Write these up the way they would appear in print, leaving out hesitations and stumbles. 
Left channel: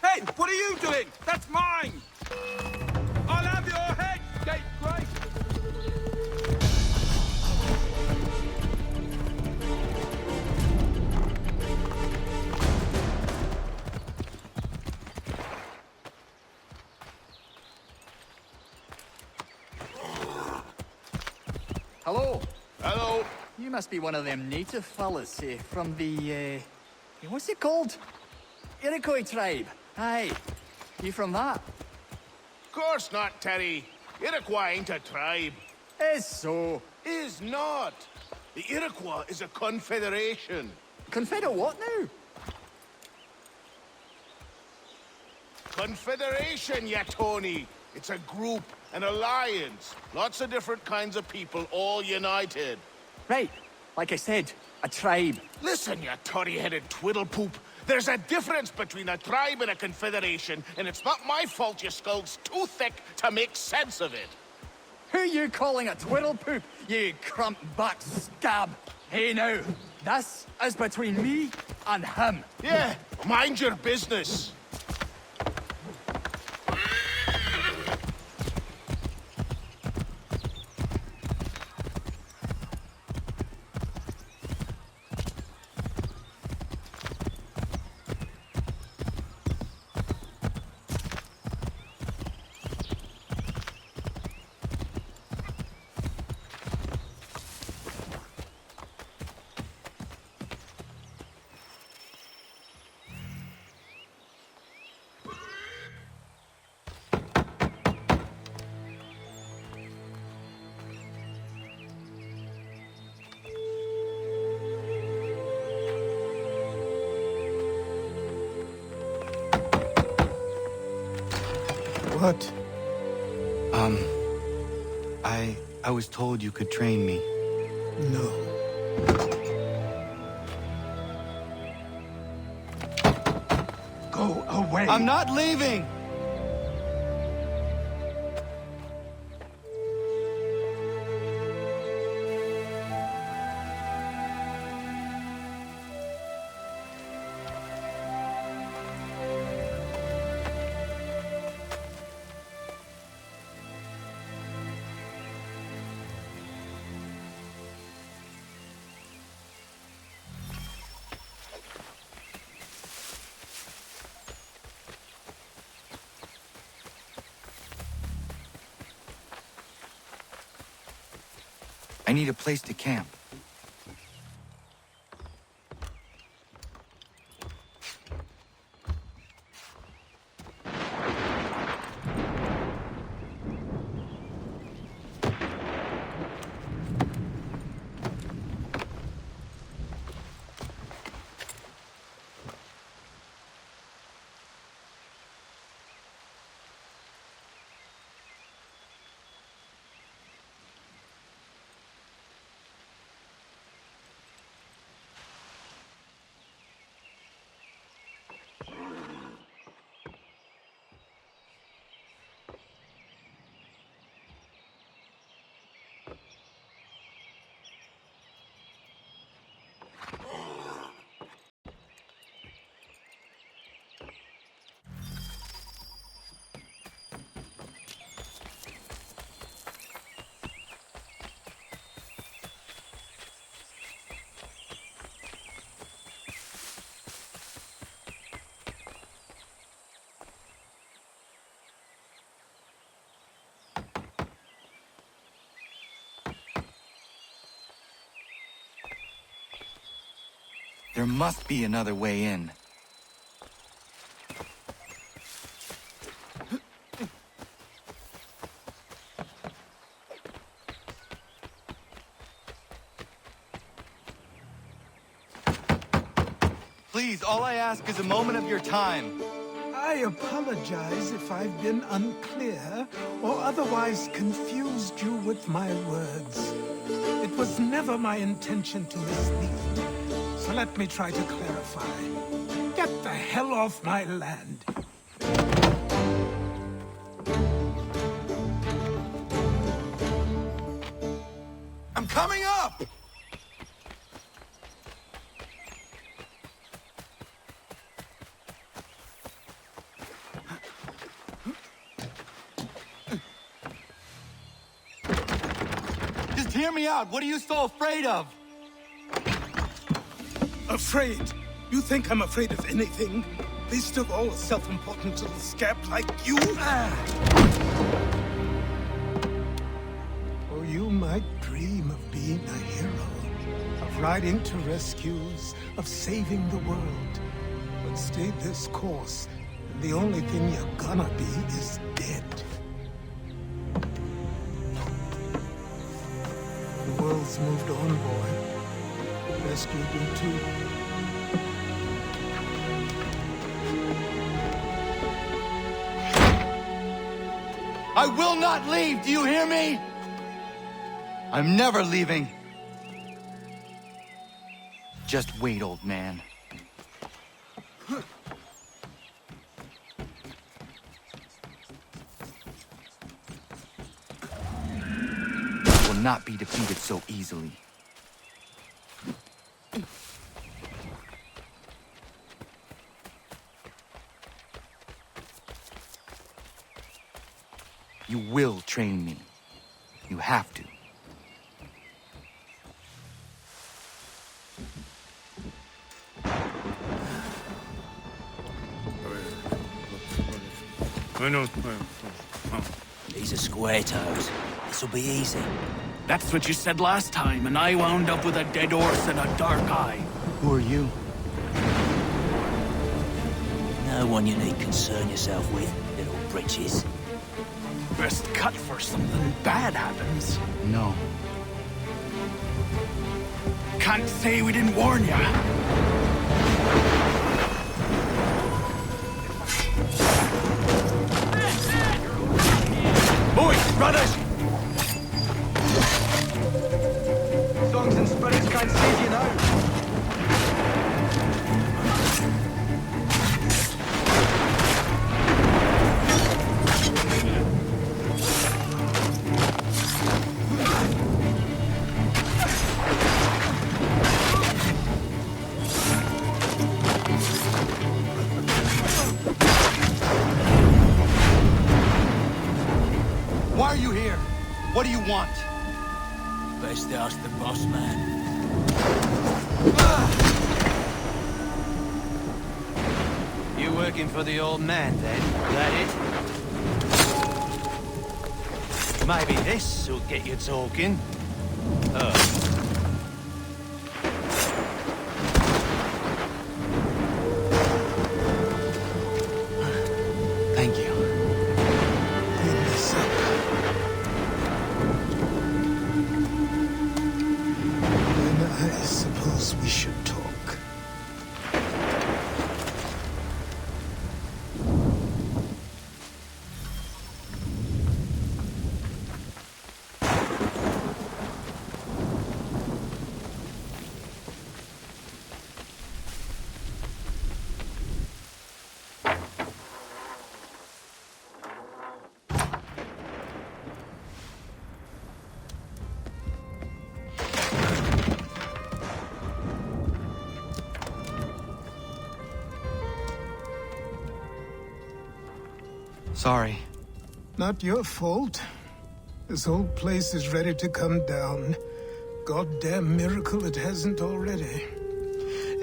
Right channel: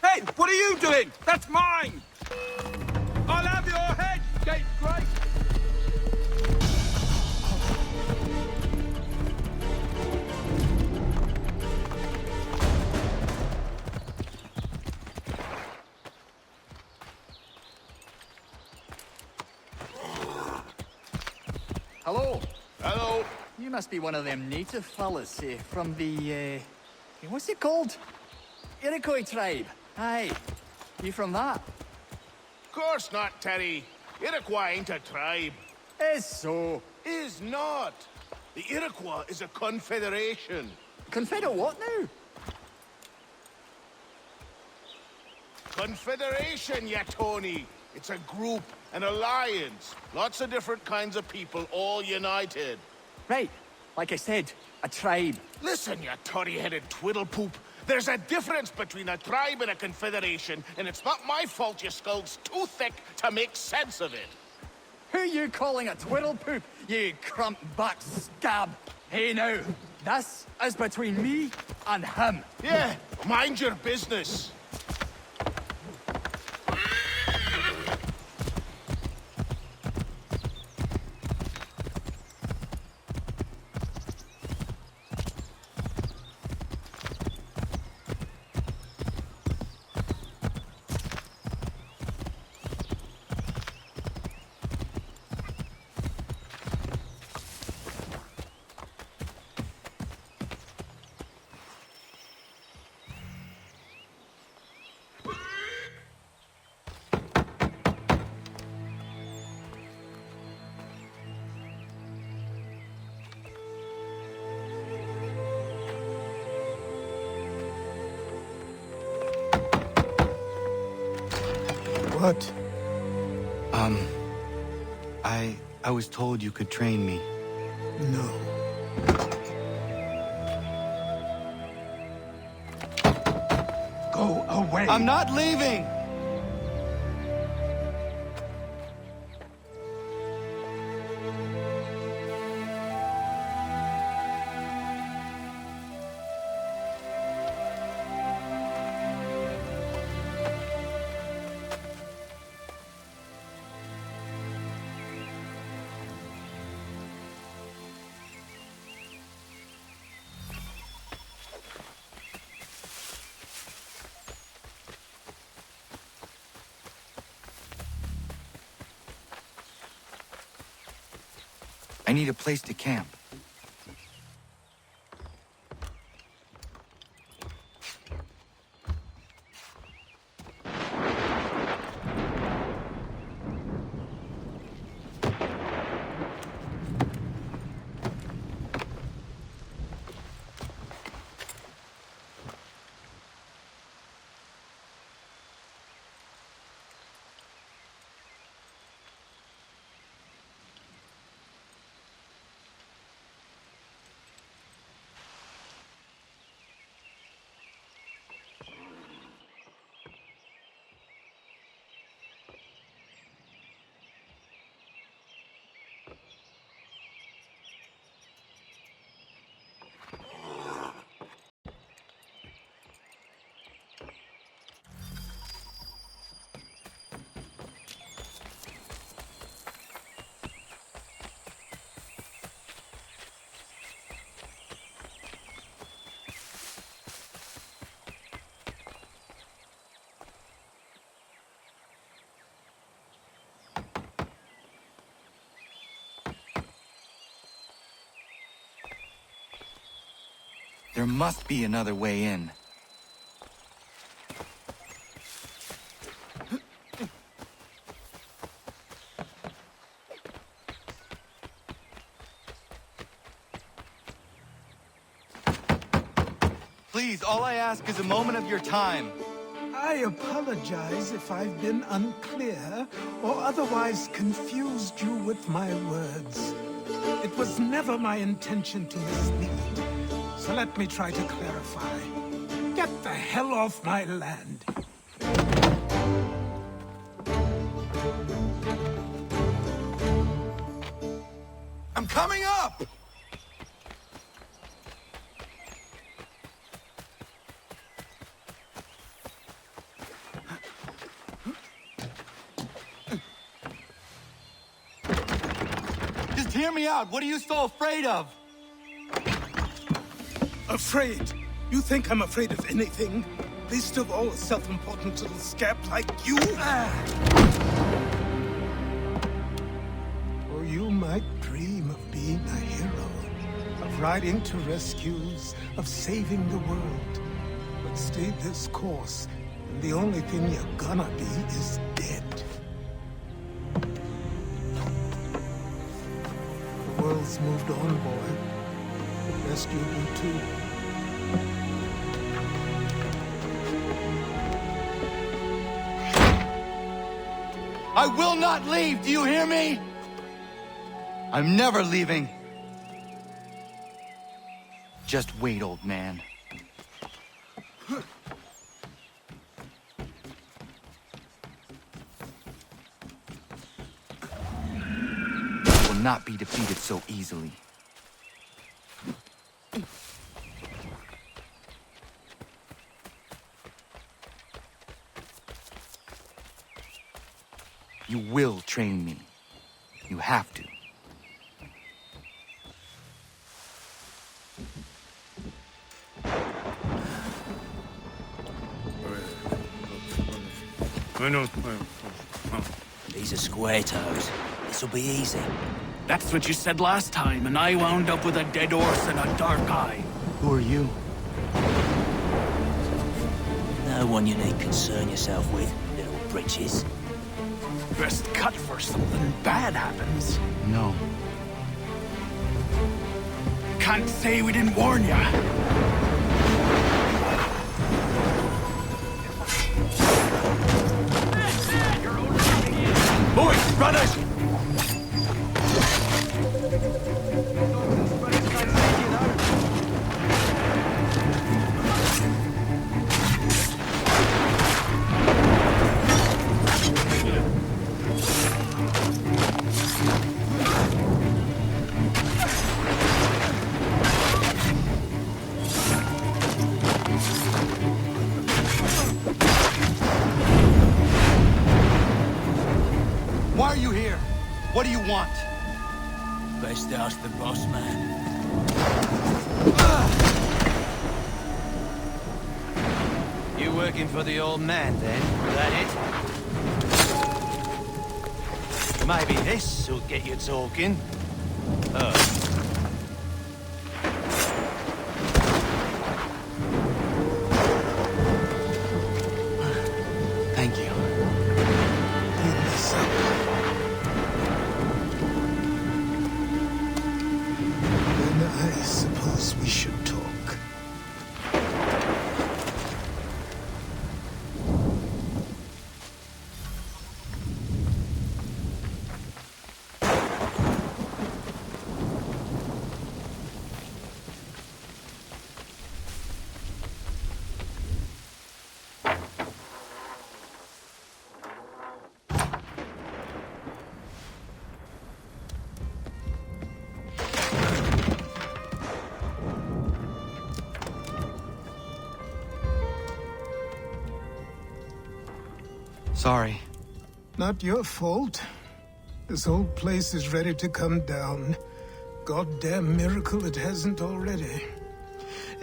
Hey, what are you doing? That's mine! I'll have your head! Hello. Hello. You must be one of them native fellas, from the, what's it called? Iroquois tribe. Aye. You from that? Of course not, Terry. Iroquois ain't a tribe. Is so. Is not. The Iroquois is a confederation. Confederate what now? Confederation, ya Tony. It's a group, an alliance. Lots of different kinds of people, all united. Right. Like I said, a tribe. Listen, you toddy-headed twiddlepoop. There's a difference between a tribe and a confederation, and it's not my fault your skull's too thick to make sense of it. Who you calling a twiddlepoop, you crump-back scab? Hey now, this is between me and him. Yeah, mind your business. What? I was told you could train me. No. Go away! I'm not leaving! I need a place to camp. There must be another way in. Please, all I ask is a moment of your time. I apologize if I've been unclear or otherwise confused you with my words. It was never my intention to mislead. So let me try to clarify. Get the hell off my land. I'm coming up! Just hear me out. What are you so afraid of? Afraid? You think I'm afraid of anything? Least of all a self-important little scab like you? Or you might dream of being a hero, of riding to rescues, of saving the world. But stay this course, and the only thing you're gonna be is dead. The world's moved on, boy. Best you do too. I will not leave, do you hear me? I'm never leaving. Just wait, old man. I will not be defeated so easily. You will train me. You have to. These are square toes. This'll be easy. That's what you said last time, and I wound up with a dead horse and a dark eye. Who are you? No one you need concern yourself with, little britches. Best cut for something bad happens. No. Can't say we didn't warn ya. Boys, brothers! Songs and spirits can't save you now. Why are you here? What do you want? Best ask the boss man. You working for the old man, then? That it? Maybe this'll get you talking. Oh. Thank you. Clean this up. Then I suppose we should talk. Sorry. Not your fault. This whole place is ready to come down. Goddamn miracle it hasn't already.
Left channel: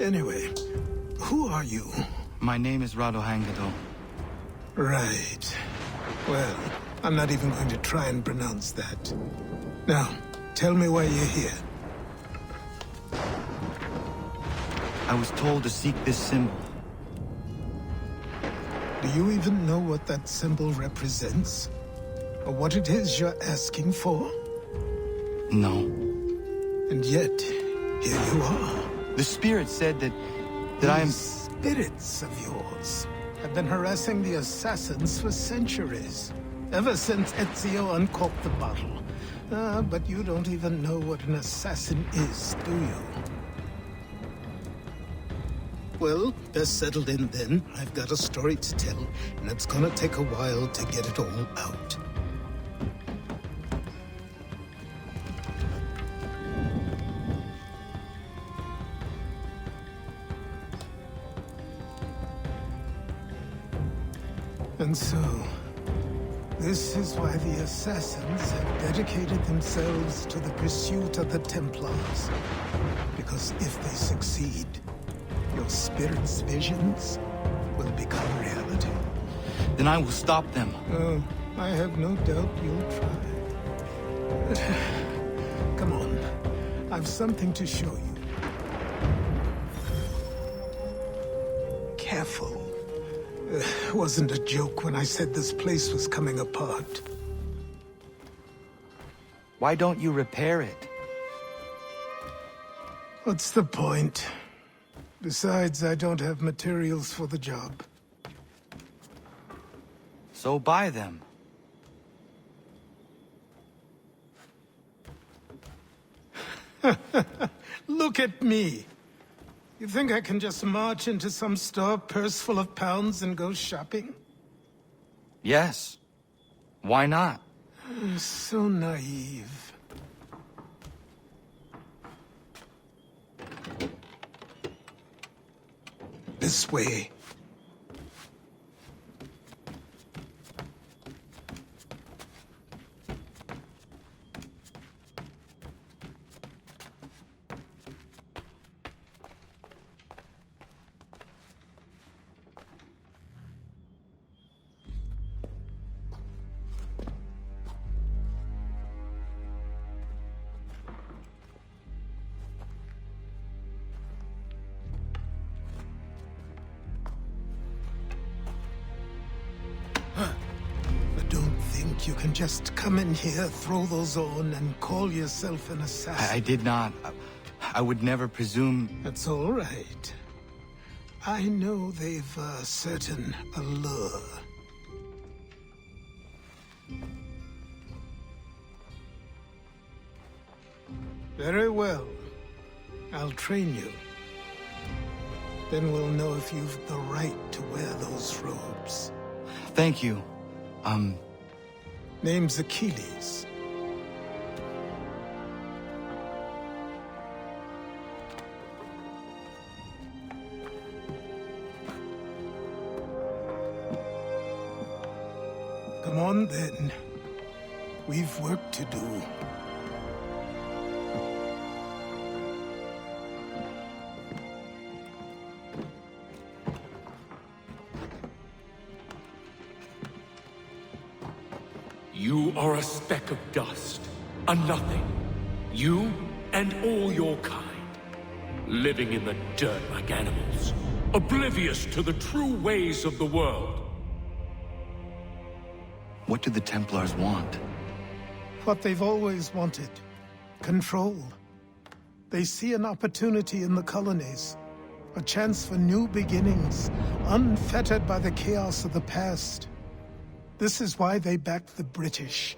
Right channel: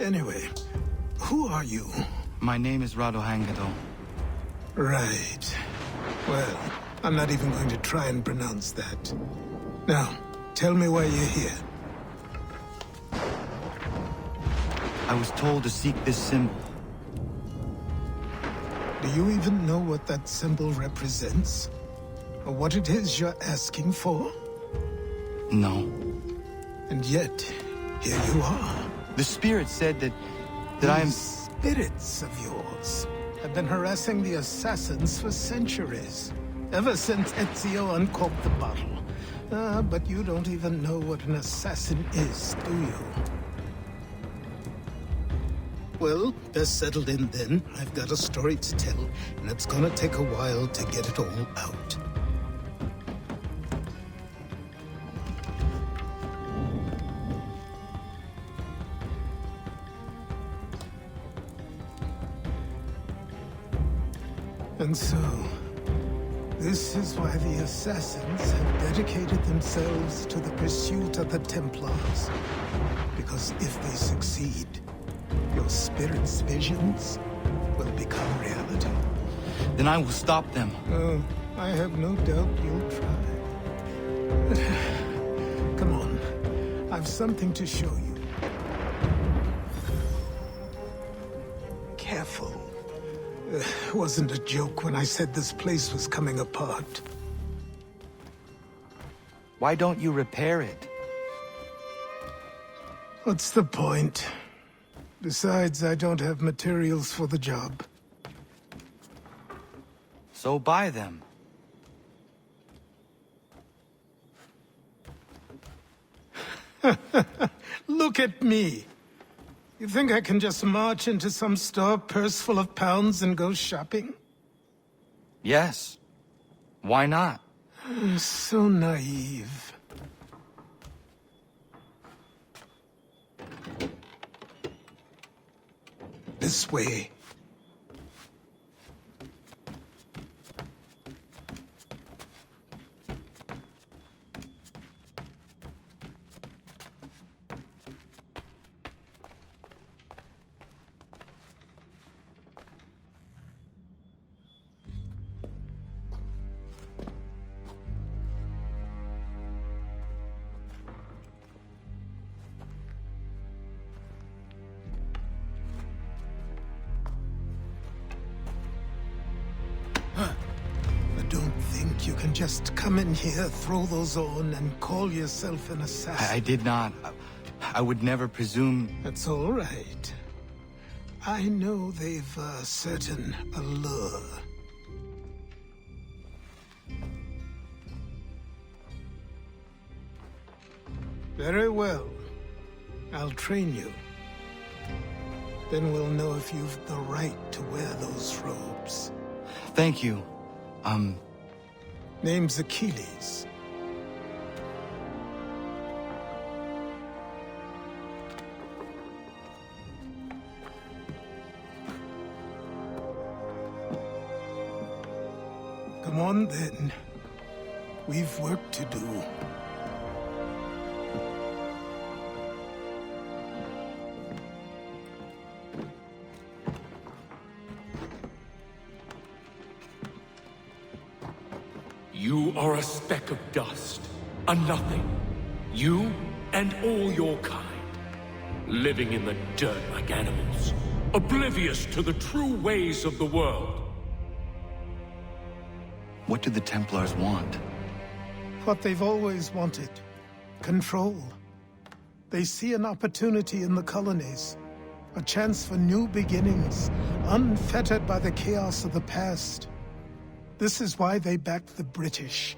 Anyway, who are you? My name is Radohangado. Right. Well, I'm not even going to try and pronounce that. Now, tell me why you're here. I was told to seek this symbol. Do you even know what that symbol represents? Or what it is you're asking for? No. And yet, here you are. The spirit said that I am... These spirits of yours have been harassing the assassins for centuries. ever since Ezio uncorked the bottle. But you don't even know what an assassin is, do you? Well, best settled in then. I've got a story to tell, and it's gonna take a while to get it all out. And so, this is why the Assassins have dedicated themselves to the pursuit of the Templars. Because if they succeed, your spirit's visions will become reality. Then I will stop them. Oh, I have no doubt you'll try. Come on, I've something to show you. Careful. Wasn't a joke when I said this place was coming apart. Why don't you repair it? What's the point? Besides, I don't have materials for the job. So buy them. Look at me. You think I can just march into some store, purse full of pounds, and go shopping? Yes. Why not? I'm so naive. This way. Don't think you can just come in here, throw those on, and call yourself an assassin. I did not. I would never presume... That's all right. I know they've a certain allure. Very well. I'll train you. Then we'll know if you've the right to wear those robes. Thank you. Name's Achilles. Come on, then. We've work to do. You are a speck of dust, a nothing. You and all your kind, living in the dirt like animals, oblivious to the true ways of the world. What do the Templars want? What they've always wanted. Control. They see an opportunity in the colonies. A chance for new beginnings, unfettered by the chaos of the past. This is why they backed the British.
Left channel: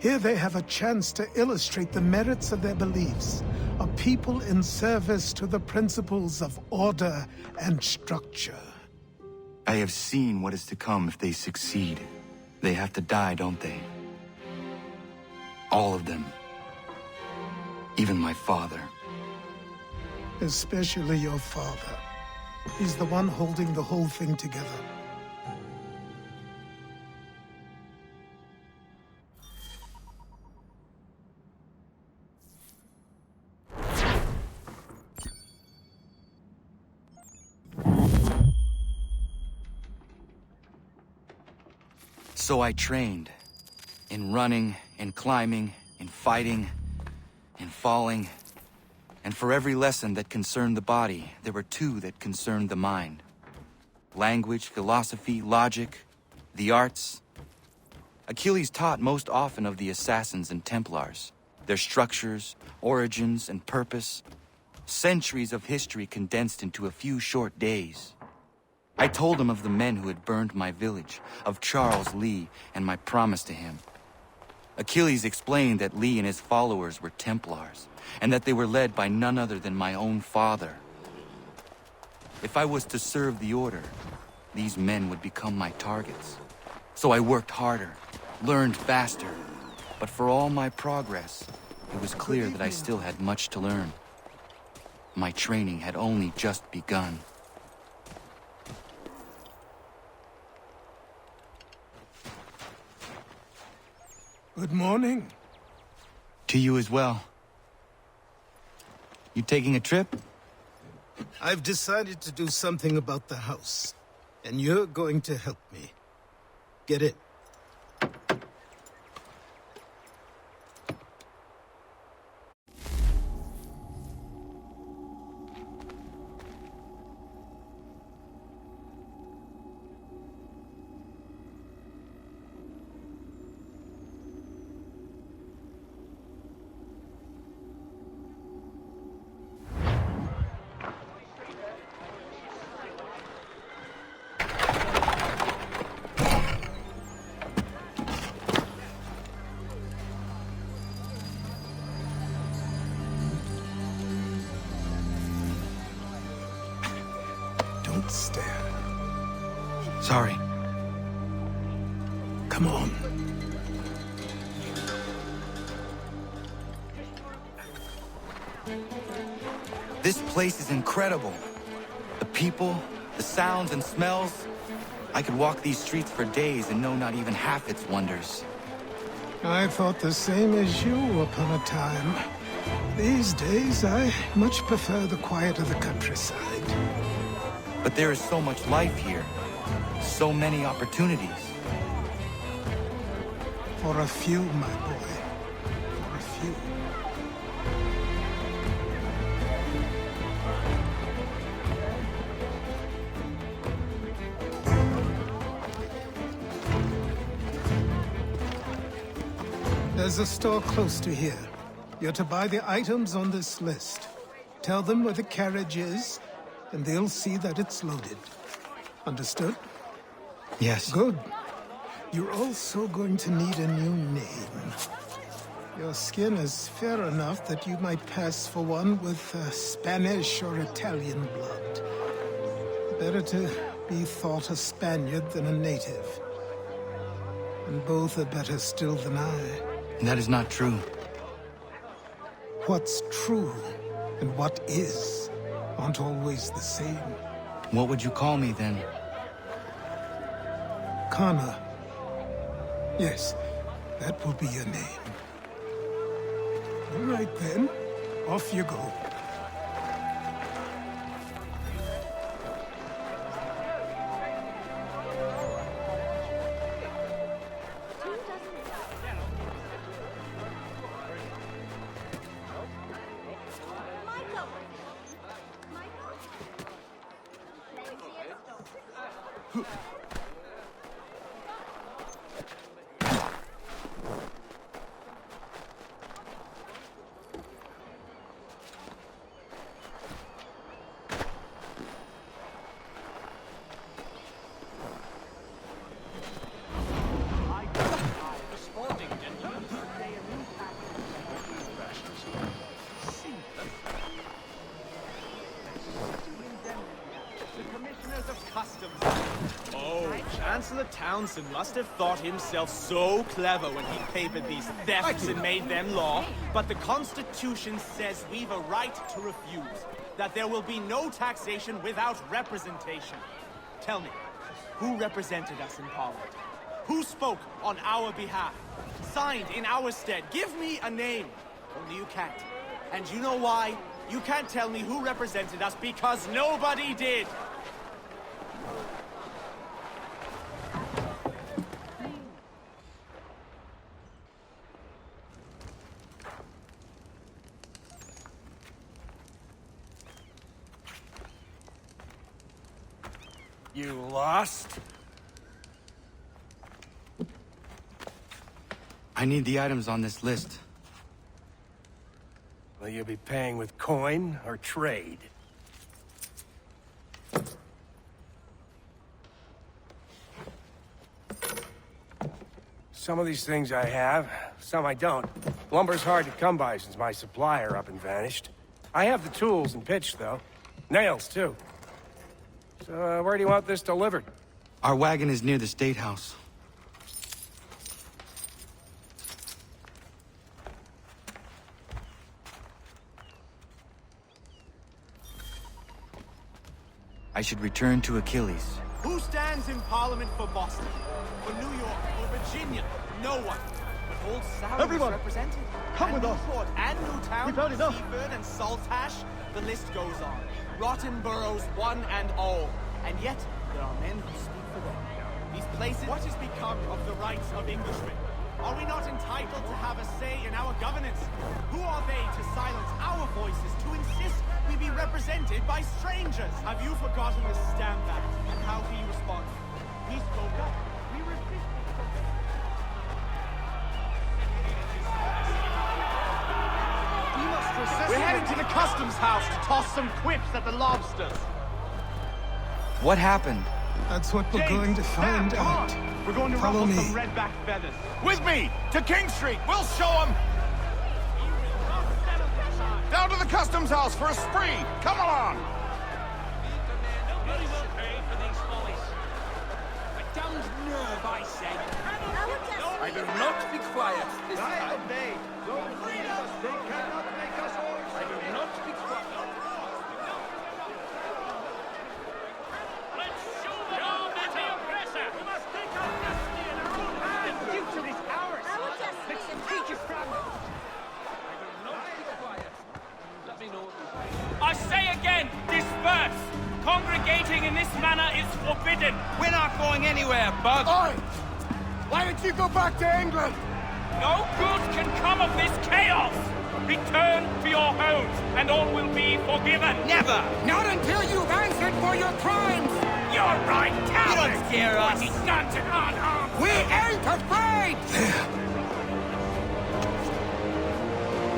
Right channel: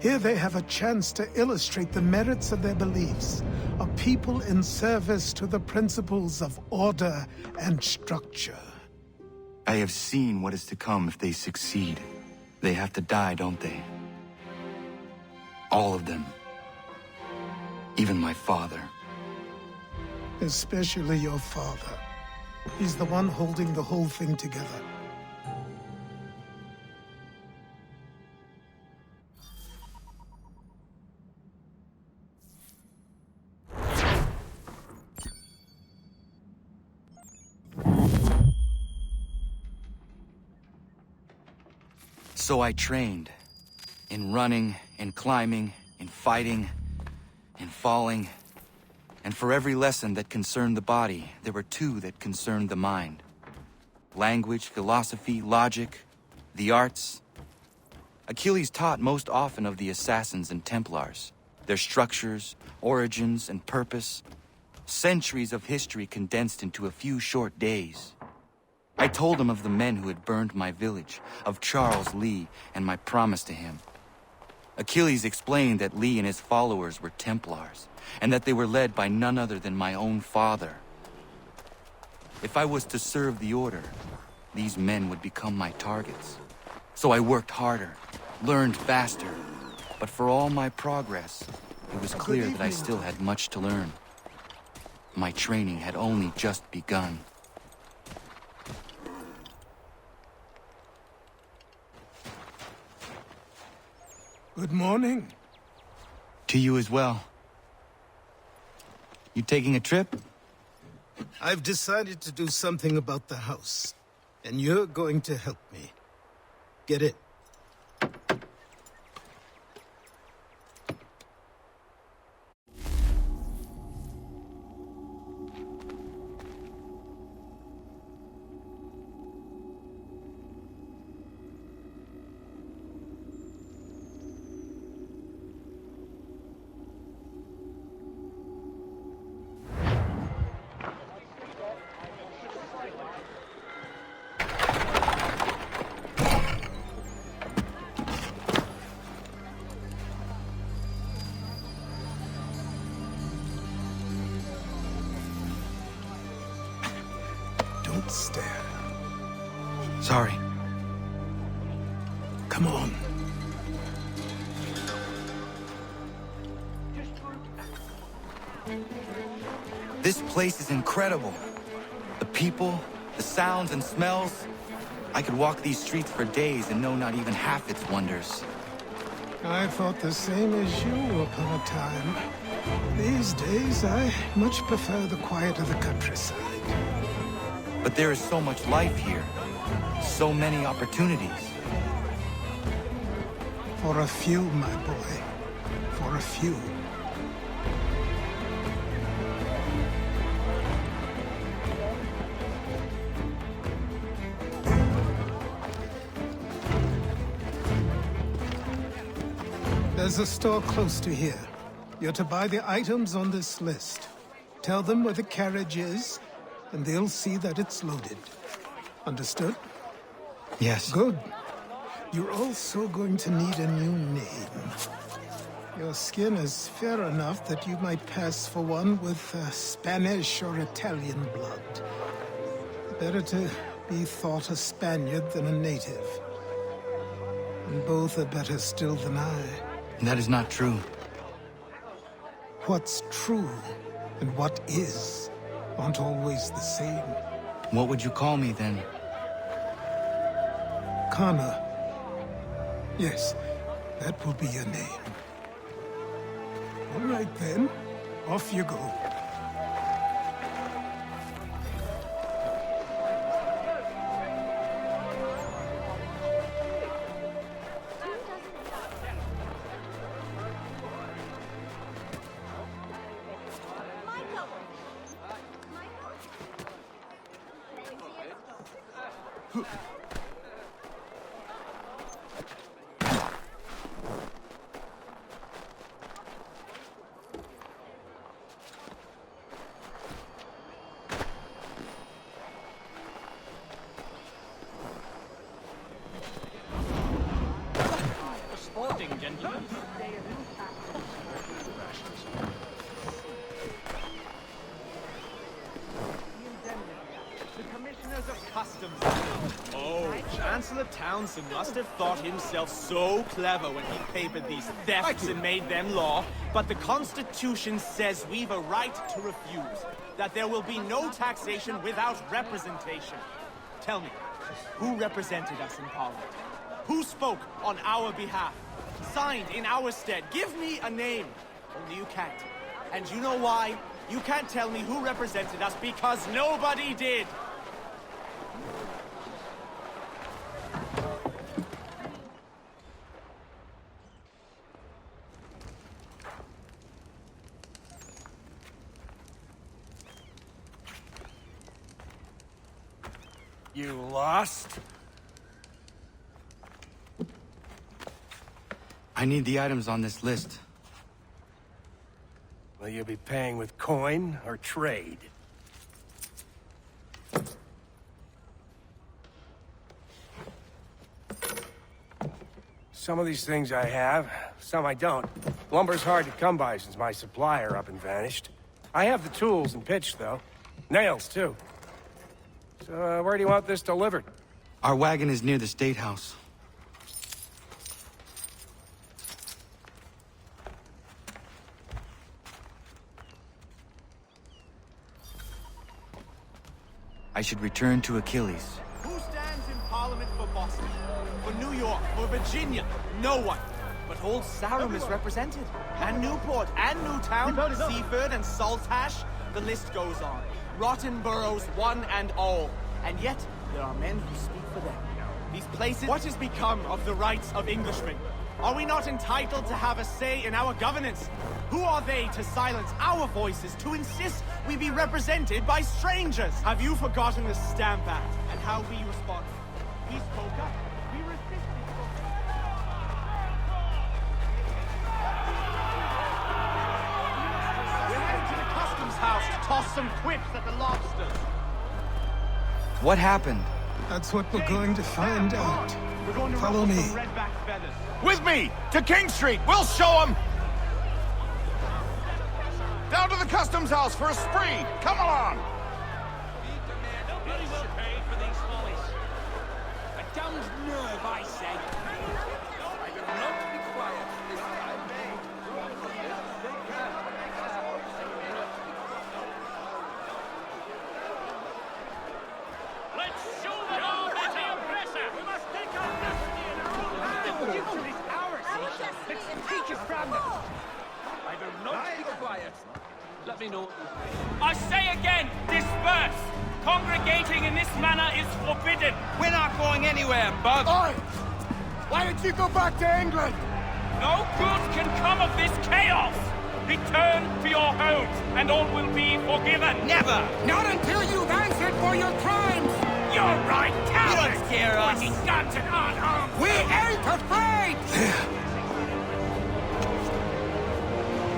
Here they have a chance to illustrate the merits of their beliefs, a people in service to the principles of order and structure. I have seen what is to come if they succeed. They have to die, don't they? All of them. Even my father. Especially your father. He's the one holding the whole thing together. So I trained. In running, in climbing, in fighting, in falling. And for every lesson that concerned the body, there were two that concerned the mind. Language, philosophy, logic, the arts. Achilles taught most often of the Assassins and Templars, their structures, origins, and purpose. Centuries of history condensed into a few short days. I told him of the men who had burned my village, of Charles Lee, and my promise to him. Achilles explained that Lee and his followers were Templars, and that they were led by none other than my own father. If I was to serve the Order, these men would become my targets. So I worked harder, learned faster, but for all my progress, it was clear that I still had much to learn. My training had only just begun. Good morning. To you as well. You taking a trip? I've decided to do something about the house, and you're going to help me. Get it? Don't stare. Sorry. Come on. This place is incredible. The people, the sounds and smells. I could walk these streets for days and know not even half its wonders. I thought the same as you upon a time. These days, I much prefer the quiet of the countryside. But there is so much life here. So many opportunities. For a few. There's a store close to here. You're to buy the items on this list. Tell them where the carriage is, and they'll see that it's loaded. Understood? Yes. Good. You're also going to need a new name. Your skin is fair enough that you might pass for one with Spanish or Italian blood. Better to be thought a Spaniard than a native. And both are better still than I. That is not true. What's true and what is aren't always the same. What would you call me then? Kana. Yes, that will be your name. All right then, off you go. Customs. Oh, Chancellor Townsend must have thought himself so clever when he papered these thefts and made them law. But the Constitution says we've a right to refuse, that there will be no taxation without representation. Tell me, who represented us in Parliament? Who spoke on our behalf? Signed in our stead? Give me a name. Only you can't. And you know why? You can't tell me who represented us because nobody did. You lost? I need the items on this list. Will you be paying with coin or trade? Some of these things I have, some I don't. Lumber's hard to come by since my supplier up and vanished. I have the tools and pitch, though. Nails, too. So, where do you want this delivered? Our wagon is near the State House. I should return to Achilles. Who stands in Parliament for Boston, for New York, for Virginia? No one. But old Sarum is represented. And Newport, and Newtown, Seaford, and Saltash. The list goes on. Rotten boroughs, one and all. And yet, there are men who speak for them. These places... What has become of the rights of Englishmen? Are we not entitled to have a say in our governance? Who are they to silence our voices, to insist we be represented by strangers? Have you forgotten the Stamp Act? And how we're heading to the customs house to toss some whips at the lobster. What happened? That's what we're going to find out. Follow me. With me! To King Street! We'll show them! Nobody will pay for these follies. A damned nerve, I say. I will not be quiet. I obey. Freedom! I will not be quiet. Let's show them all the oppressor! We must take our destiny in our own hands! The future is ours! Let's take it from them! I will not be quiet. Let me know. I say again, disperse! Congregating in this manner is forbidden. We're not going anywhere, Bug. Oi! Why did you go back to England? No good can come of this chaos. Return to your homes, and all will be forgiven. Never! Not until you've answered for your crimes! You're right, cowards! You don't scare us. Pointing guns and unarmed. We ain't afraid! There.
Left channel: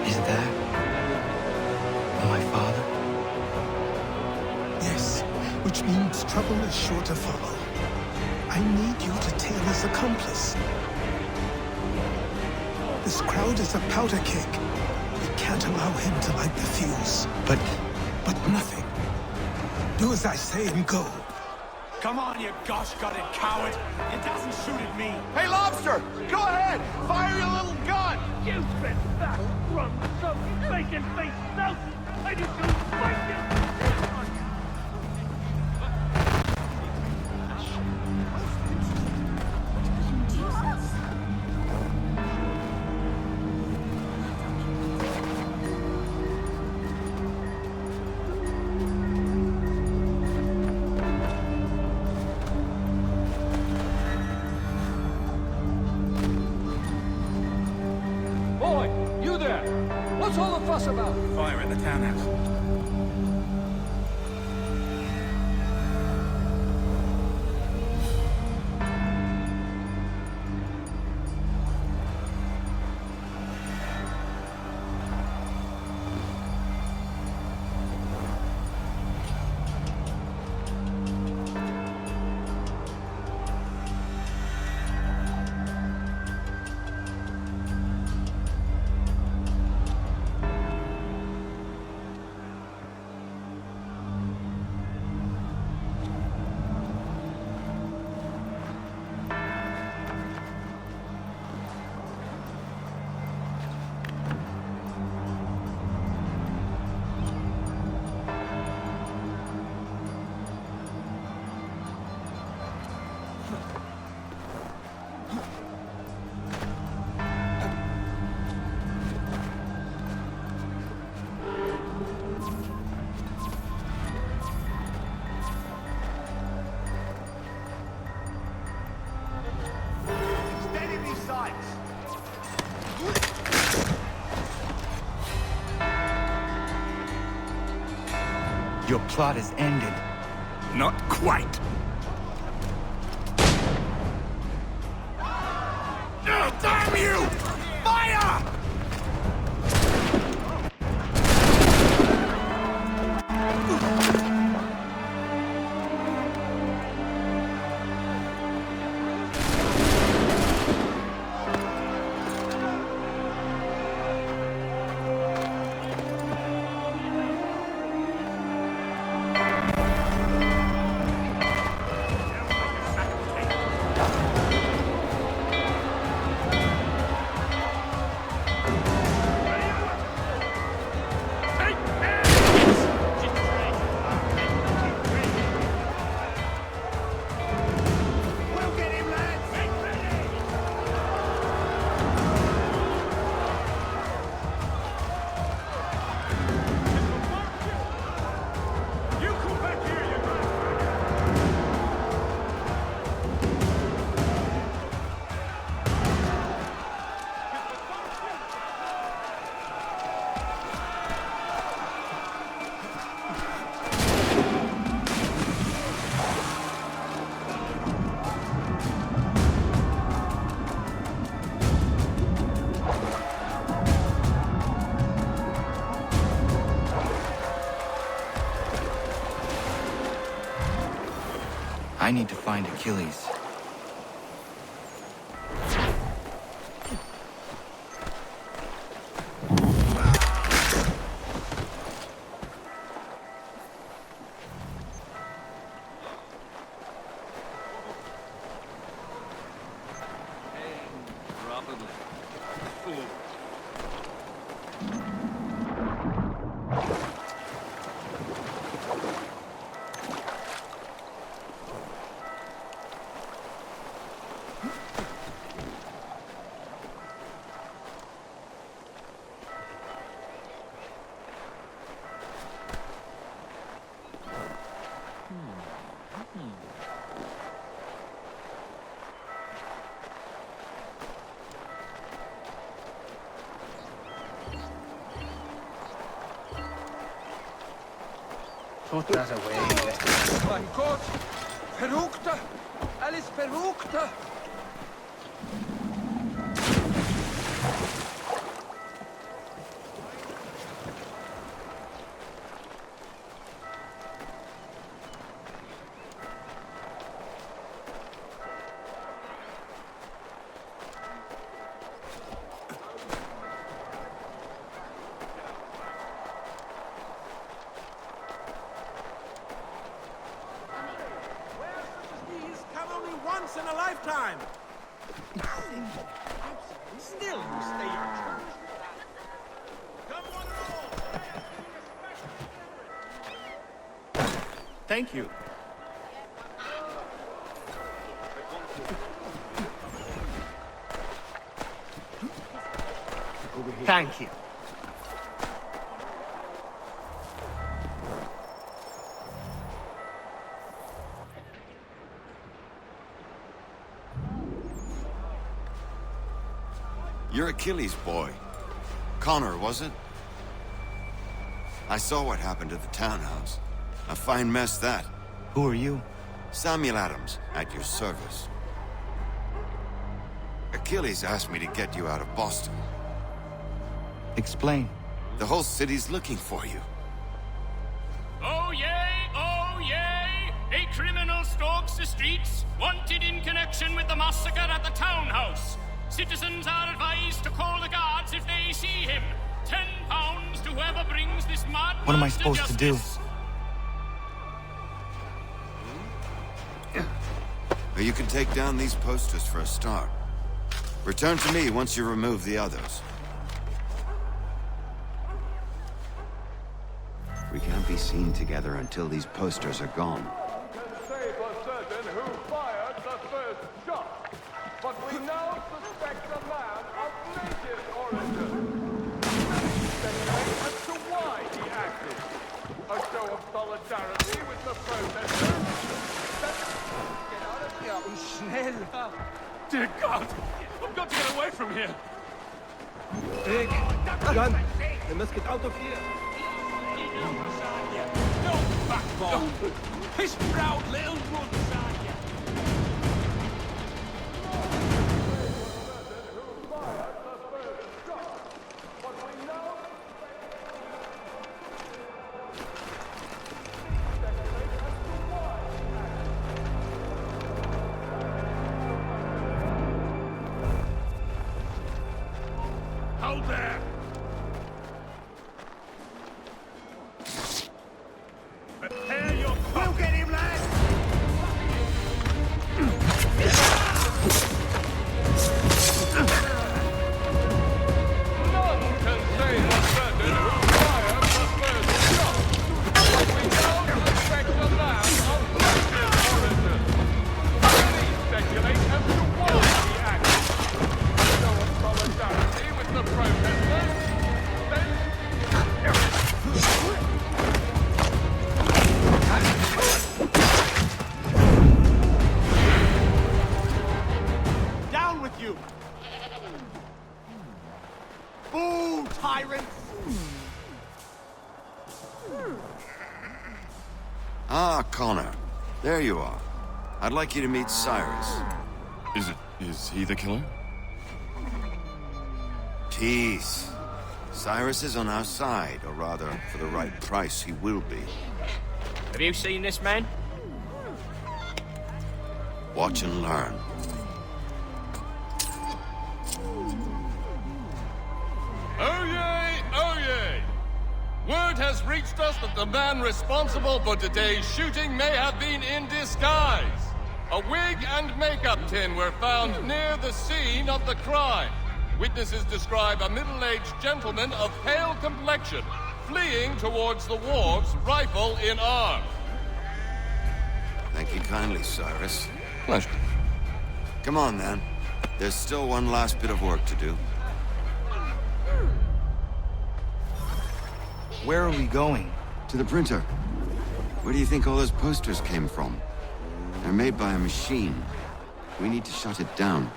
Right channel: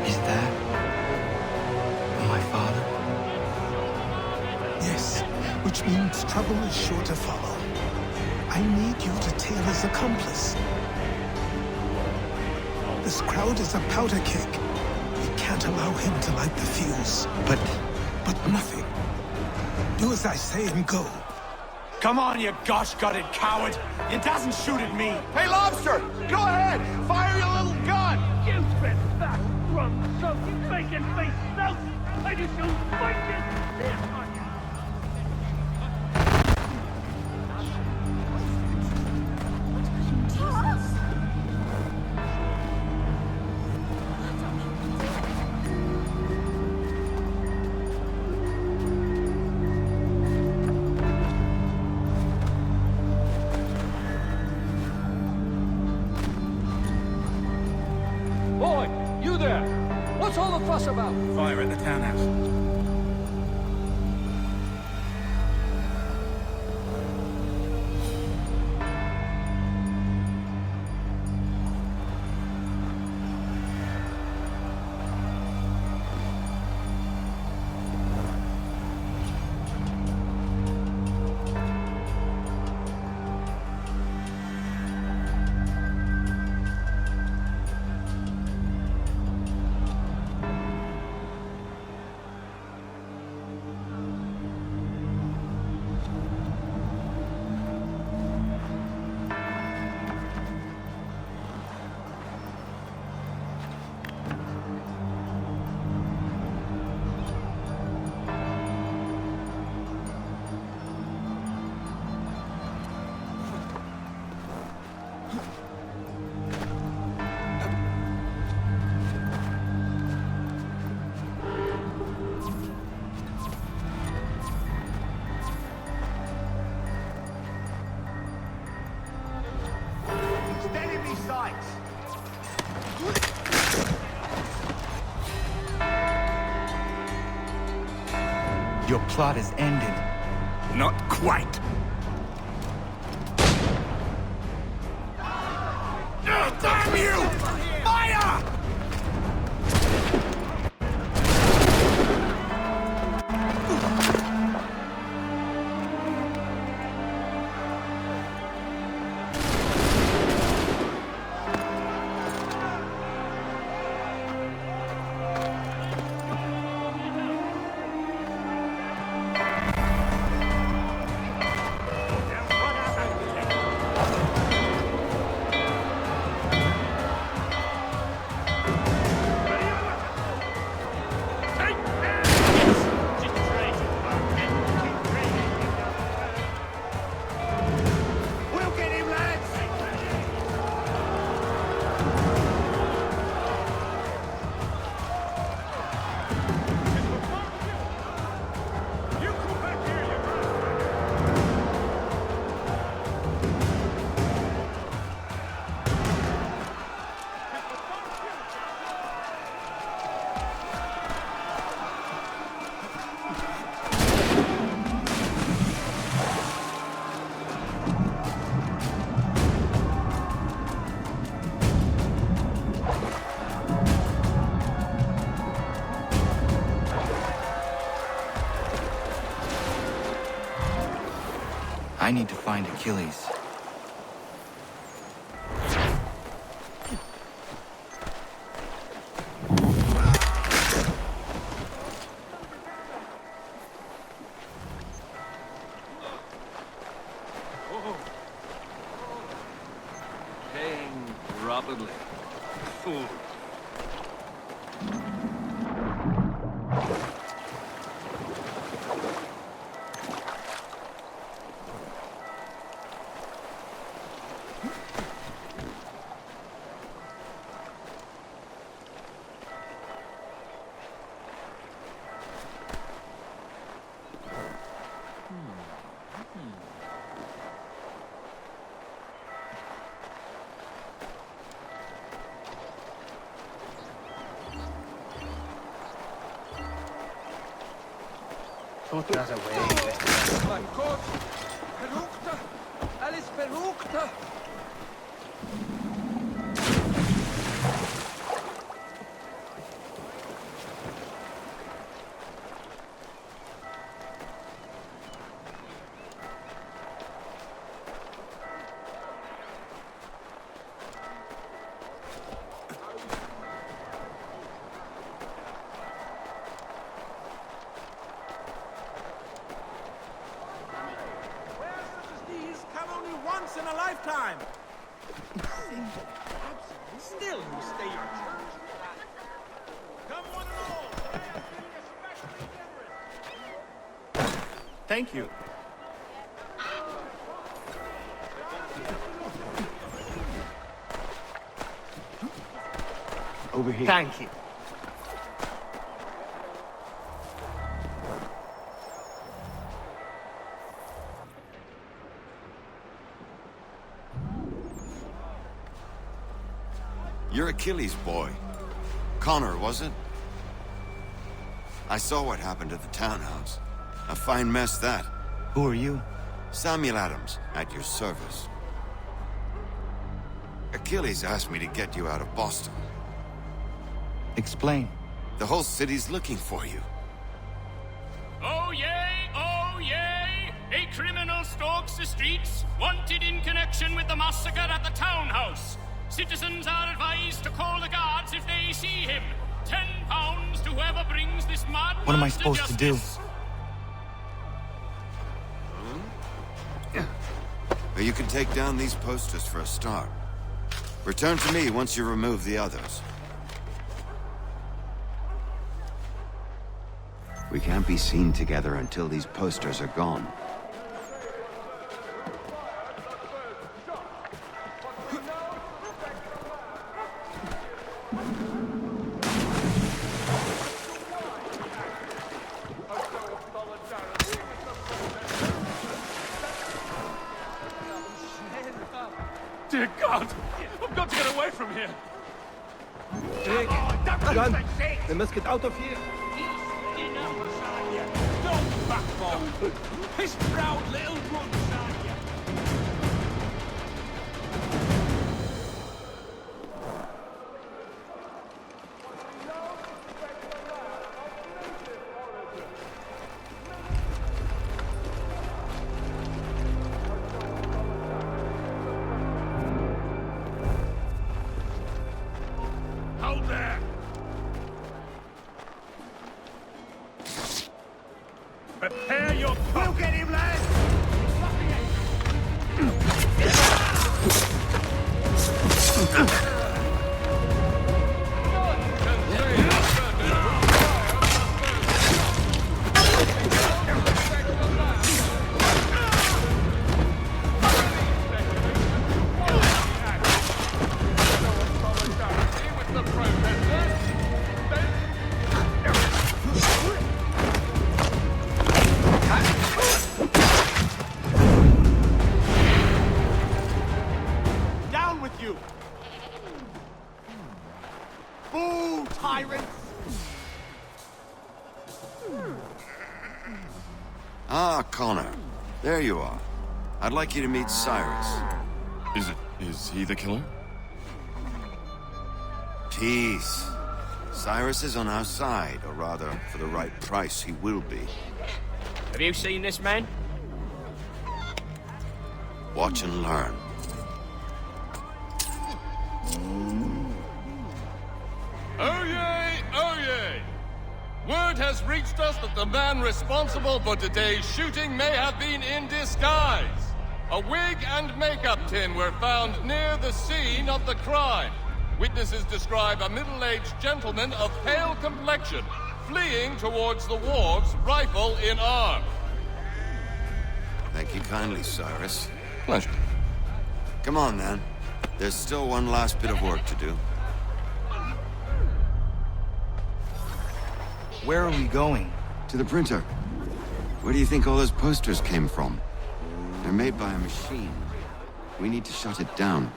Is that my father? Yes, which means trouble is sure to follow. I need you to tail his accomplice. This crowd is a powder keg. We can't allow him to light the fuse. But nothing. Do as I say and go. Come on, you gosh-gutted coward! It doesn't shoot at me! Hey, Lobster! Boy, you there! What's all the fuss about? Fire at the townhouse. Steady these sights! your plot is ended. Not quite. Damn you! Fire! I need to find Achilles. Put that away. Mein Gott! Verrückter! Alles Verrückter! Once in a lifetime! Thank you. Over here. Thank you. You're Achilles' boy. Connor, was it? I saw what happened at the townhouse. A fine mess, that. Who are you? Samuel Adams, at your service. Achilles asked me to get you out of Boston. Explain. The whole city's looking for you. Oh yay! Oh yay! A criminal stalks the streets, wanted in connection with the massacre at the townhouse. Citizens are advised to call the guards if they see him. £10 to whoever brings this mad What am I man to supposed to do? justice. But you can take down these posters for a start. Return to me once you remove the others. We can't be seen together until these posters are gone. Dear God! I've got to get away from here! Big gun. They must get out of. Don't backbone! Hold there! Prepare your... We'll get him, lad! Down with you! Ah, Connor. There you are. I'd like you to meet Cyrus. Is he the killer? Peace. Cyrus is on our side, or rather, for the right price, he will be. Have you seen this man? Watch and learn. Oyez! Oyez! Word has reached us that the man responsible for today's shooting may have been in disguise. A wig and makeup tin were found near the scene of the crime. Witnesses describe a middle-aged gentleman of pale complexion fleeing towards the wharves, rifle in arm. Thank you kindly, Cyrus. Pleasure. Come on, then. There's still one last bit of work to do. Where are we going? To the printer. Where do you think all those posters came from? They're made by a machine. We need to shut it down.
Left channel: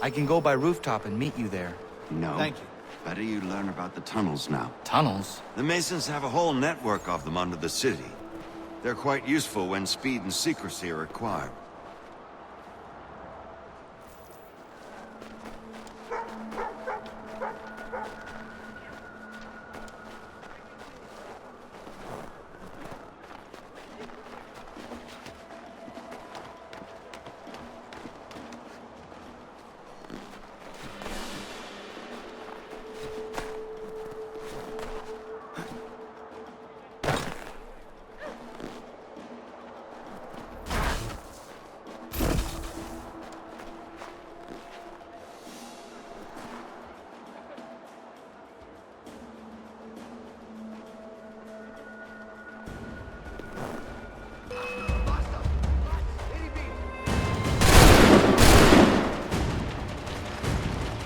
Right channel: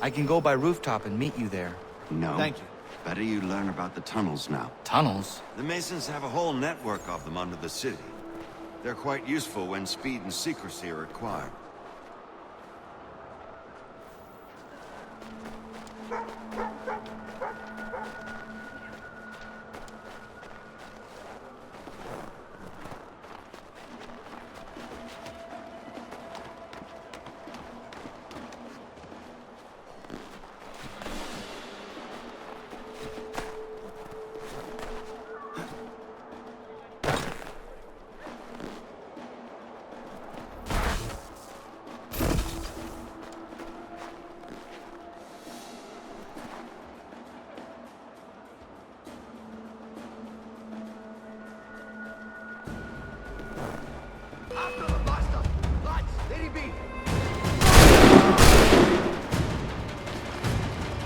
I can go by rooftop and meet you there. Thank you. How do you learn about the tunnels now? Tunnels? The Masons have a whole network of them under the city. They're quite useful when speed and secrecy are required.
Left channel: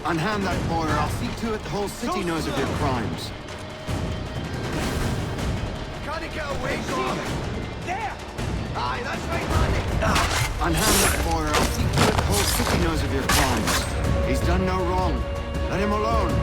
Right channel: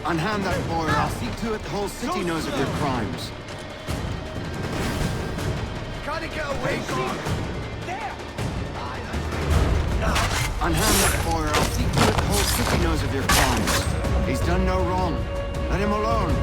Unhand that boy, or I'll see to it the whole city knows of your crimes. Gotta get away, Grom! There! Aye, that's right, Unhand that boy, or I'll see to it the whole city knows of your crimes. He's done no wrong. Let him alone.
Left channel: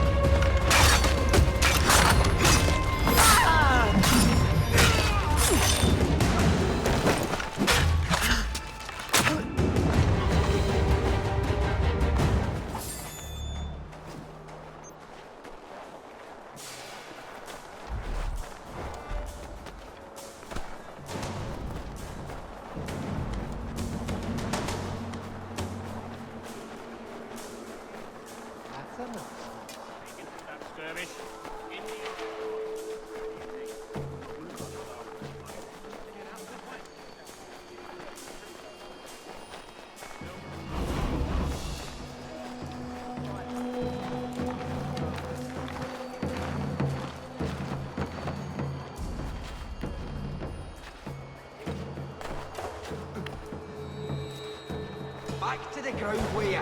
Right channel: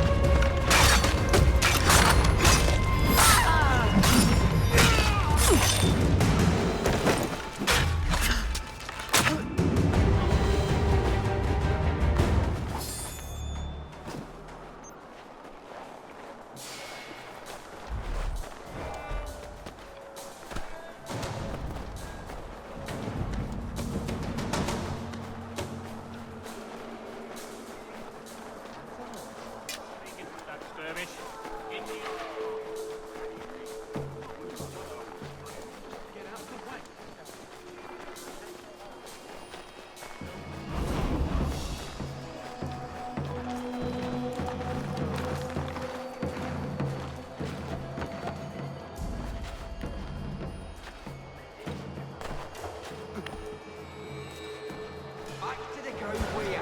Back to the ground where?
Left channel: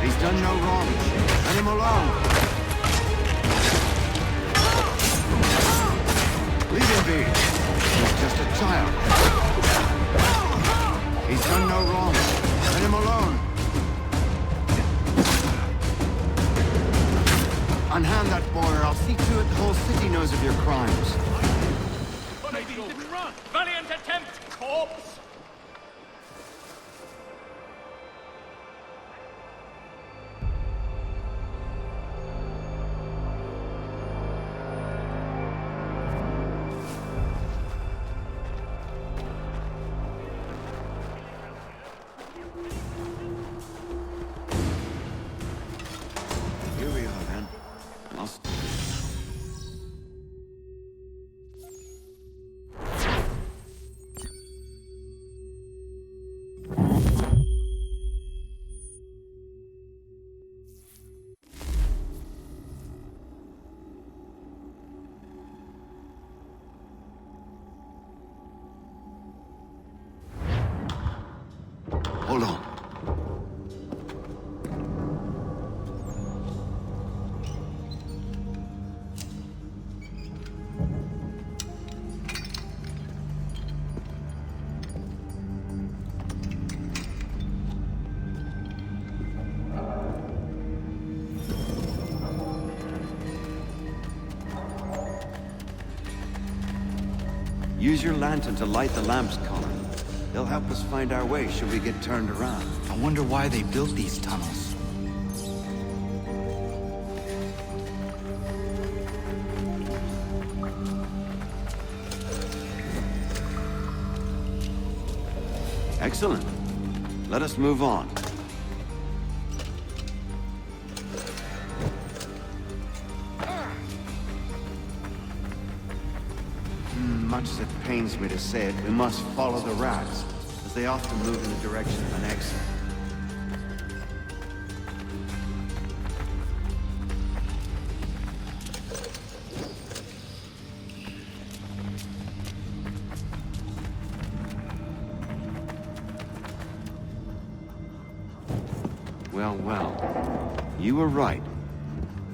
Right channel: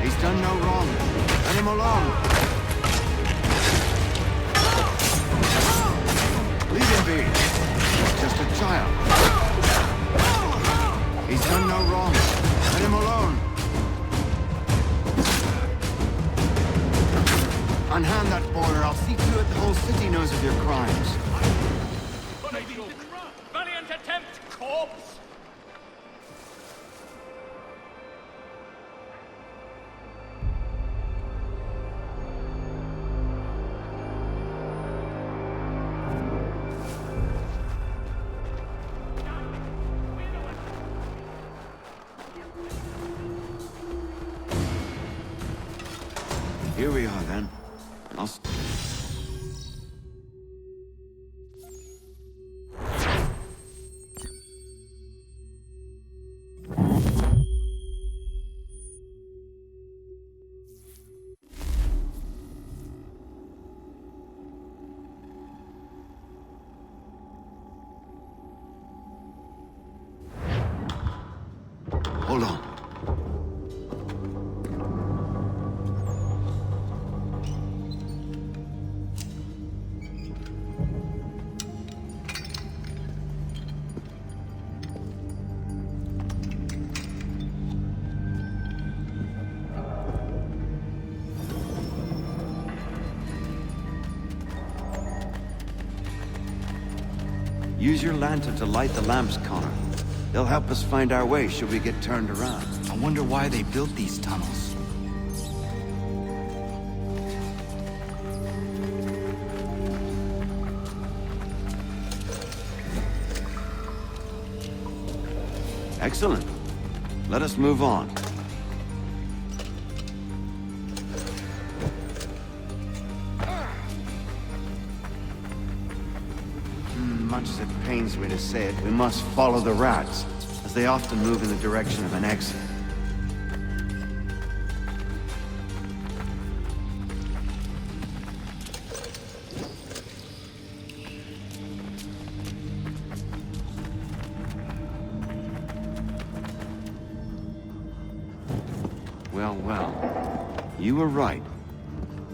He's done no wrong. Let him alone. Leave him be. He's just a child. He's done no wrong. Let him alone. Unhand that boy, or I'll see to it the whole city knows of your crimes. Valiant attempt, corpse! Here we are, then. I'll... Hold on. Light the lamps, Connor. They'll help us find our way should we get turned. I wonder why they built these tunnels. Excellent. Let us move on. We must follow the rats, as they often move in the direction of an exit. Well, well. You were right.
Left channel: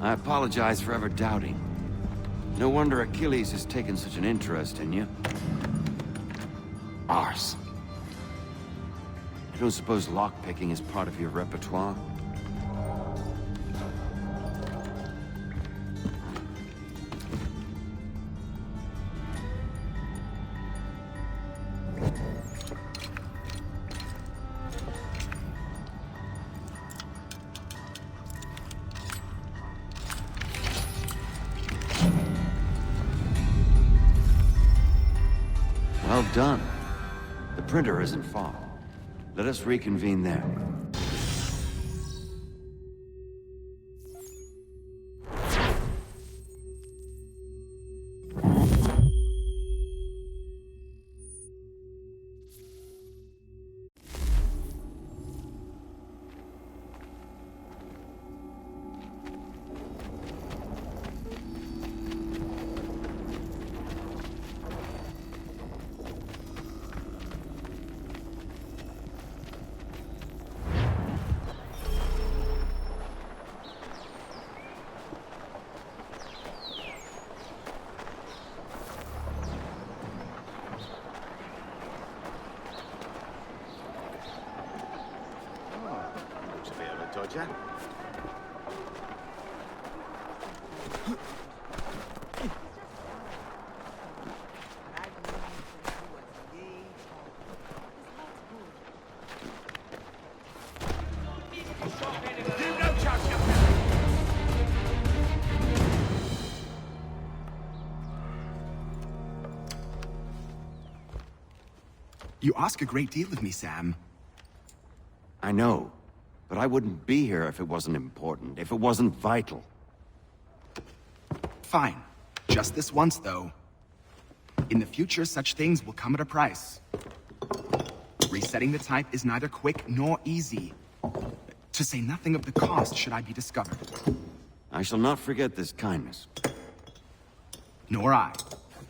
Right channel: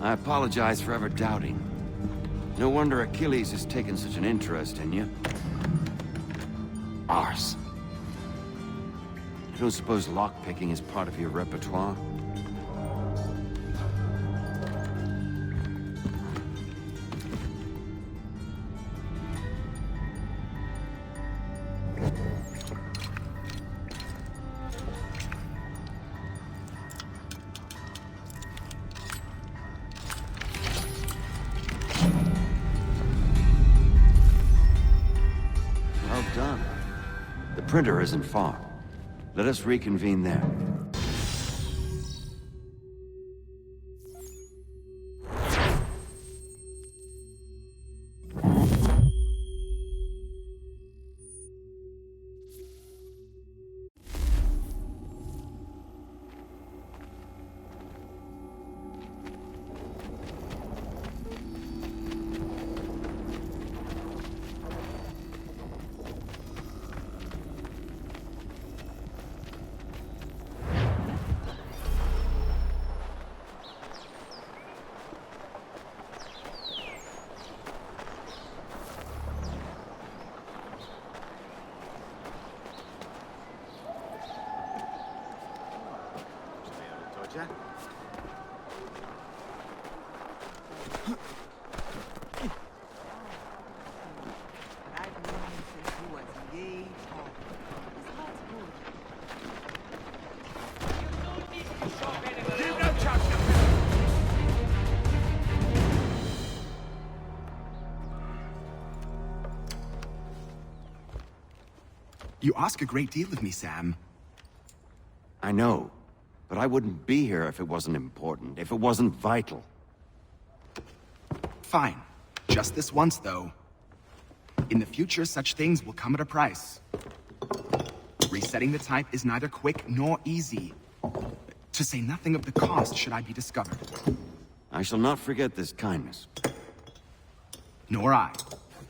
I apologize for ever doubting. No wonder Achilles has taken such an interest in you. Arse. I don't suppose lockpicking is part of your repertoire? Well done. The printer isn't far. Let us reconvene there. You ask a great deal of me, Sam. I know, but I wouldn't be here if it wasn't important, if it wasn't vital. Fine. Just this once, though. In the future, such things will come at a price. Resetting the type is neither quick nor easy. To say nothing of the cost should I be discovered. I shall not forget this kindness. Nor I.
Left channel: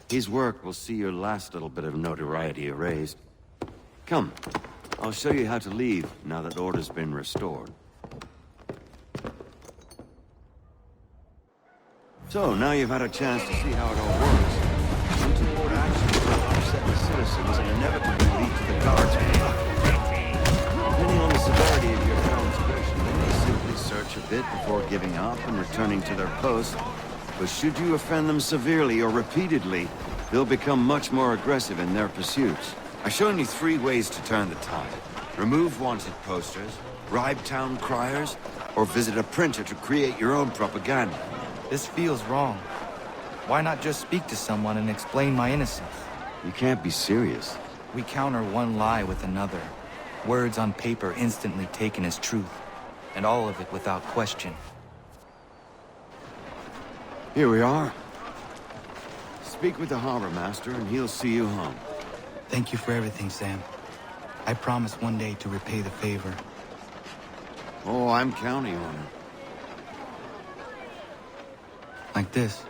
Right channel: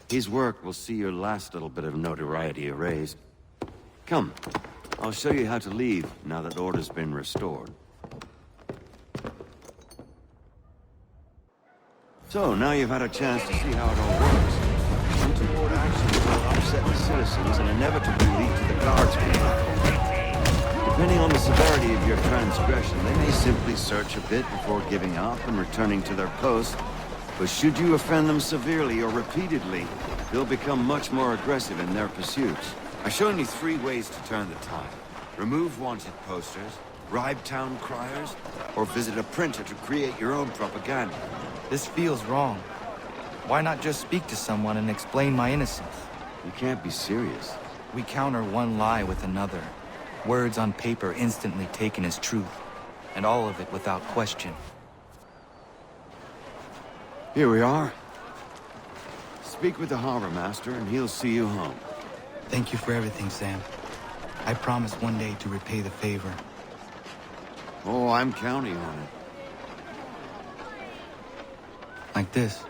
His work will see your last little bit of notoriety erased. Come, I'll show you how to leave now that order's been restored. So, now you've had a chance to see how it all works. Untoward actions will upset the citizens and inevitably lead to the guards being up. Depending on the severity of your transgression, they may simply search a bit before giving up and returning to their posts. But should you offend them severely or repeatedly, they'll become much more aggressive in their pursuits. I've shown you 3 ways to turn the tide. Remove wanted posters, bribe town criers, or visit a printer to create your own propaganda. This feels wrong. Why not just speak to someone and explain my innocence? You can't be serious. We counter one lie with another. Words on paper instantly taken as truth. And all of it without question. Here we are. Speak with the harbor master and he'll see you home. Thank you for everything, Sam. I promise one day to repay the favor. Oh, I'm counting on it. Like this.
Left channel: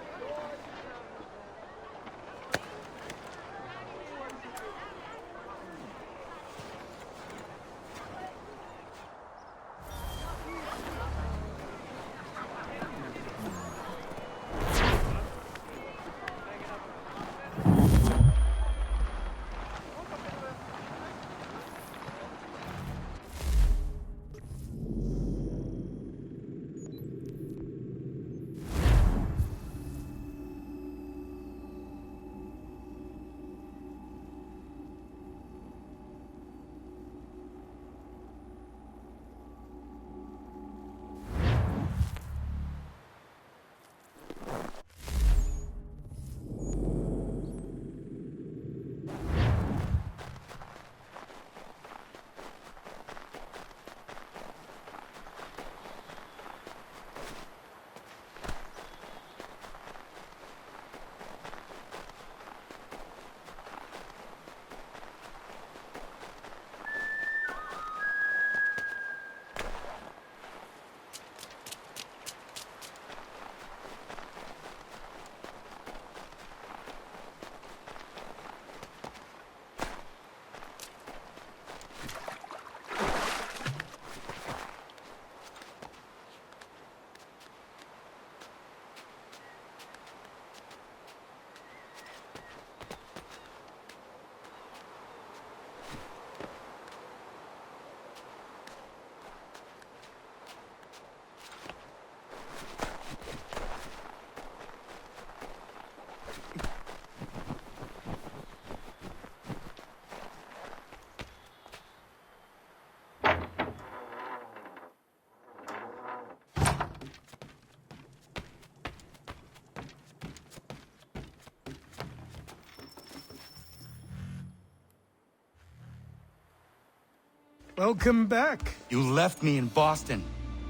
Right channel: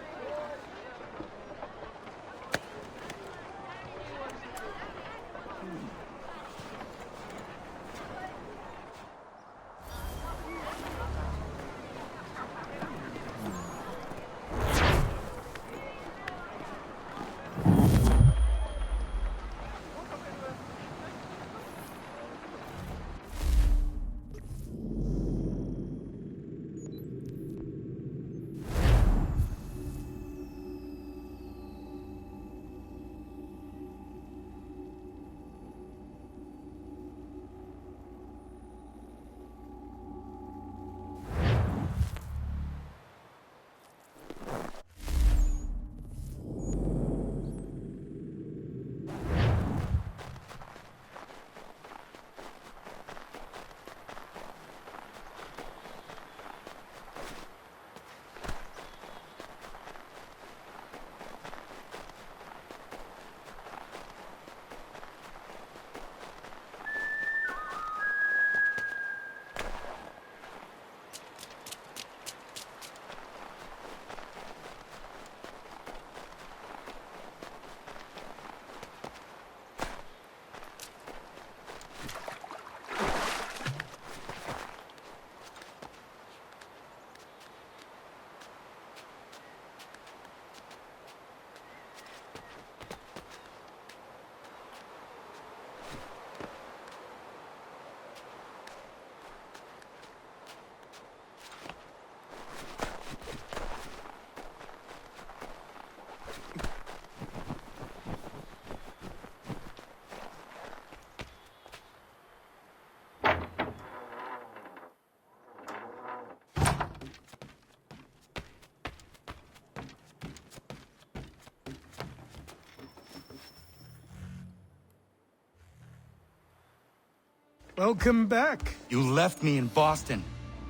Welcome back. You left me in Boston.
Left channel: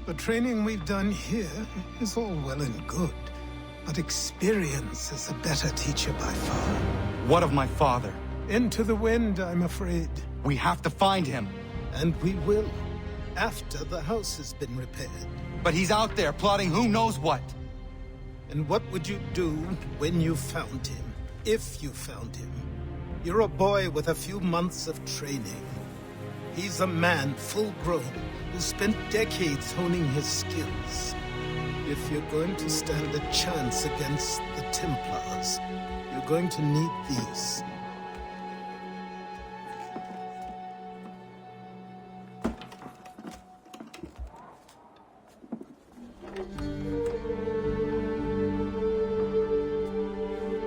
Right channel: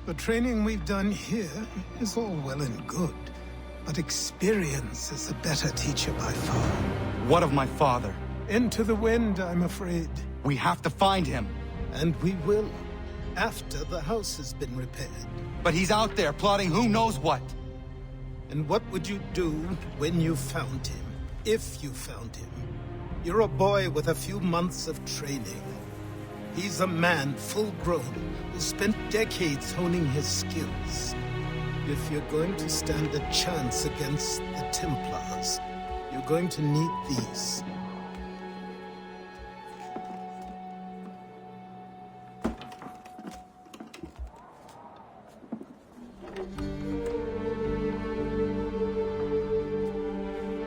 The training we've done here is all well and good, but experience is a better teacher by far. What of my father? Into the wind, I'm afraid. We have to find him. And we will, after the house has been repaired. But he's out there plotting who knows what. And what would you do when you found him? If you found him? You're a boy with a few months of training. He's a man full grown who spent decades honing his skills. If you're going to stand a chance against the Templars, you're going to need these.